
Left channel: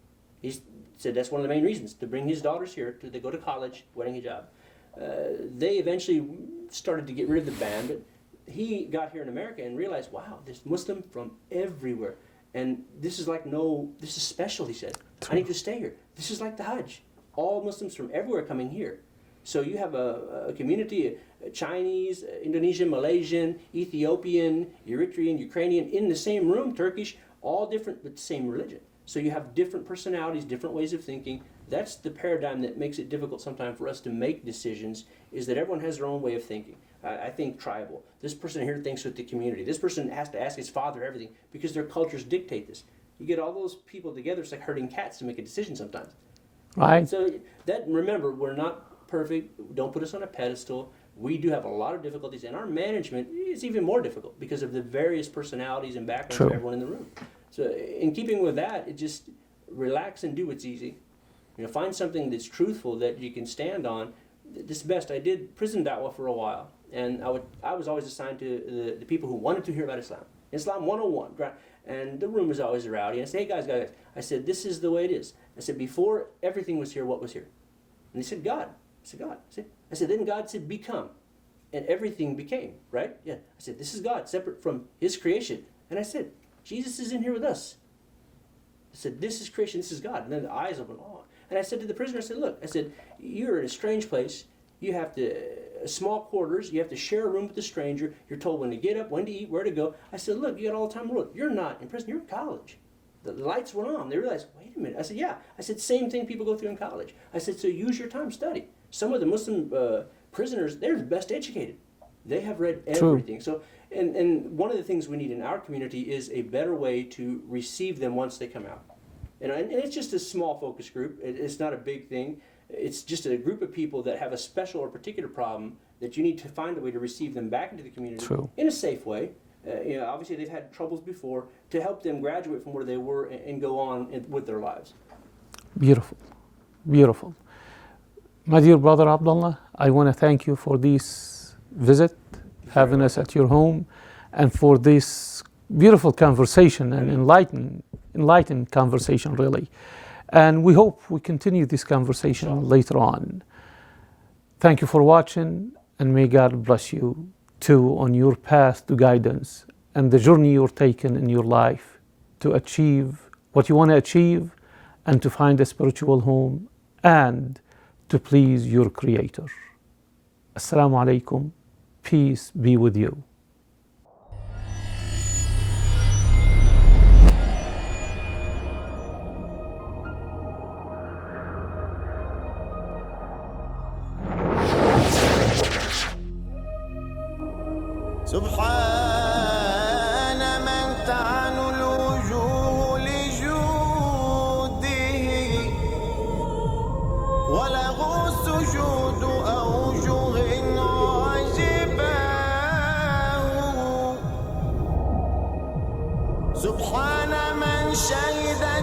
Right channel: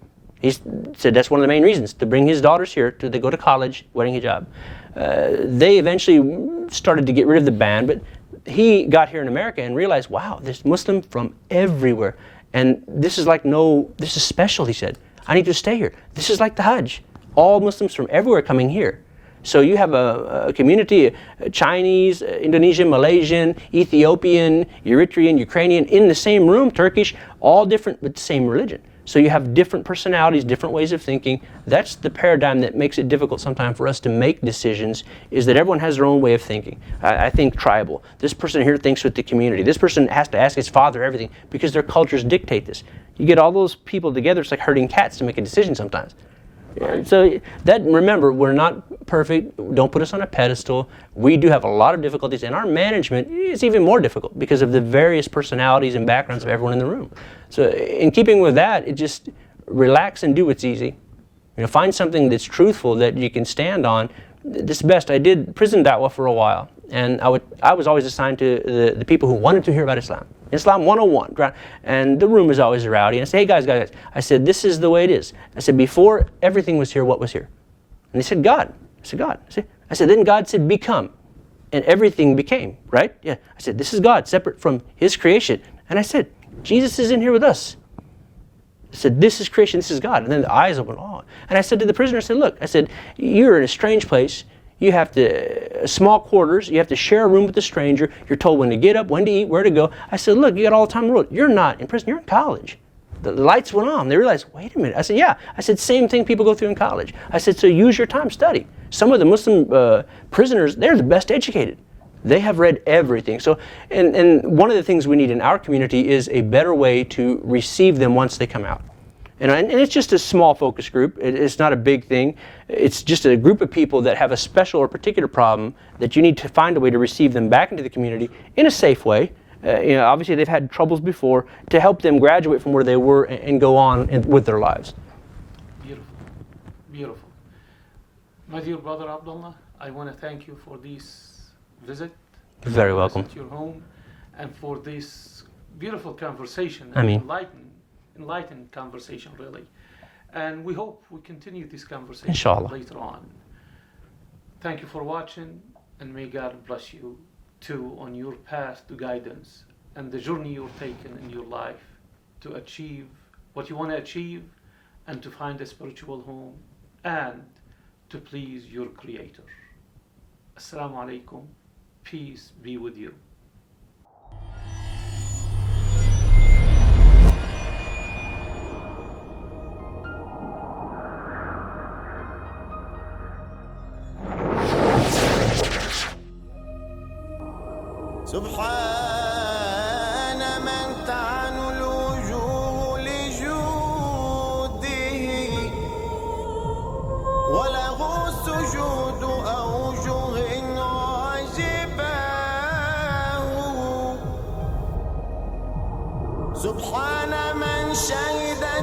He said that's one of the main reasons, to bring his daughters here to they go to college wearing hijab. They eventually started to get rid of the ban, but he got here in America and realized, wow, there's Muslim from everywhere. And this is this is special, he said. I need to stay here. This is like the Hajj. All Muslims from everywhere coming here. So you have a community, Chinese, Indonesian, Malaysian, Ethiopian, Eritrean, Ukrainian, in the same room, Turkish, all different but the same religion. So you have different personalities, different ways of thinking. That's the paradigm that makes it difficult sometimes for us to make decisions, is that everyone has their own way of thinking. I think tribal. This person here thinks with the community. This person has to ask his father everything because their cultures dictate this. You get all those people together, it's like herding cats to make a decision sometimes. Right. So remember, we're not perfect. Don't put us on a pedestal. We do have a lot of difficulties, and our management is even more difficult because of the various personalities and backgrounds of everyone in the room. So in keeping with that, it just relax and do what's easy. Find something that's truthful that you can stand on. This is best. I did prison da'wah for a while, and I was always assigned to the people who wanted to hear about Islam. Islam 101, and the room was always rowdy. And I said, hey guys, I said, this is the way it is. I said, before everything was here, what was here? And they said, God. I said, God. I said, then God said, become. And everything became, right? Yeah. I said, this is God, separate from His creation. And I said, Jesus is in here with us. I said, this is creation, this is God. And then the eyes opened, oh. And I said to the prisoner, I said, look, I said, you're in a strange place. You have small quarters, you have to share a room with a stranger. You're told when to get up, when to eat, where to go. I said, look, you got all the time in the world. You're not in prison, you're in college. The lights went on. They realized, wait a minute. I said, yeah. I said, same thing people go through in college. I said, so use your time, study. Some of the Muslim prisoners, they're the best educated. They have read everything. So, and one of the things we need in our community is a better way to receive them once they come out. And it's just a small focus group. It's not a big thing. It's just a group of people that have a special or particular problem that you need to find a way to receive them back into the community in a safe way. Obviously they've had troubles before, to help them graduate from where they were and go on with their lives. Beautiful, beautiful. My dear brother Abdullah, I want to thank you for this visit, having us at your home, and for this beautiful conversation and enlightened conversation, really. And we hope we continue this conversation later on. Thank you for watching, and may God bless you too on your path to guidance and the journey you're taking in your life to achieve what you want to achieve, and to find a spiritual home and to please your Creator. Assalamu alaikum. Peace be with you. سبحان من تعن الوجوه لجوده وله سجود أوجه عجباه سبحان من شهد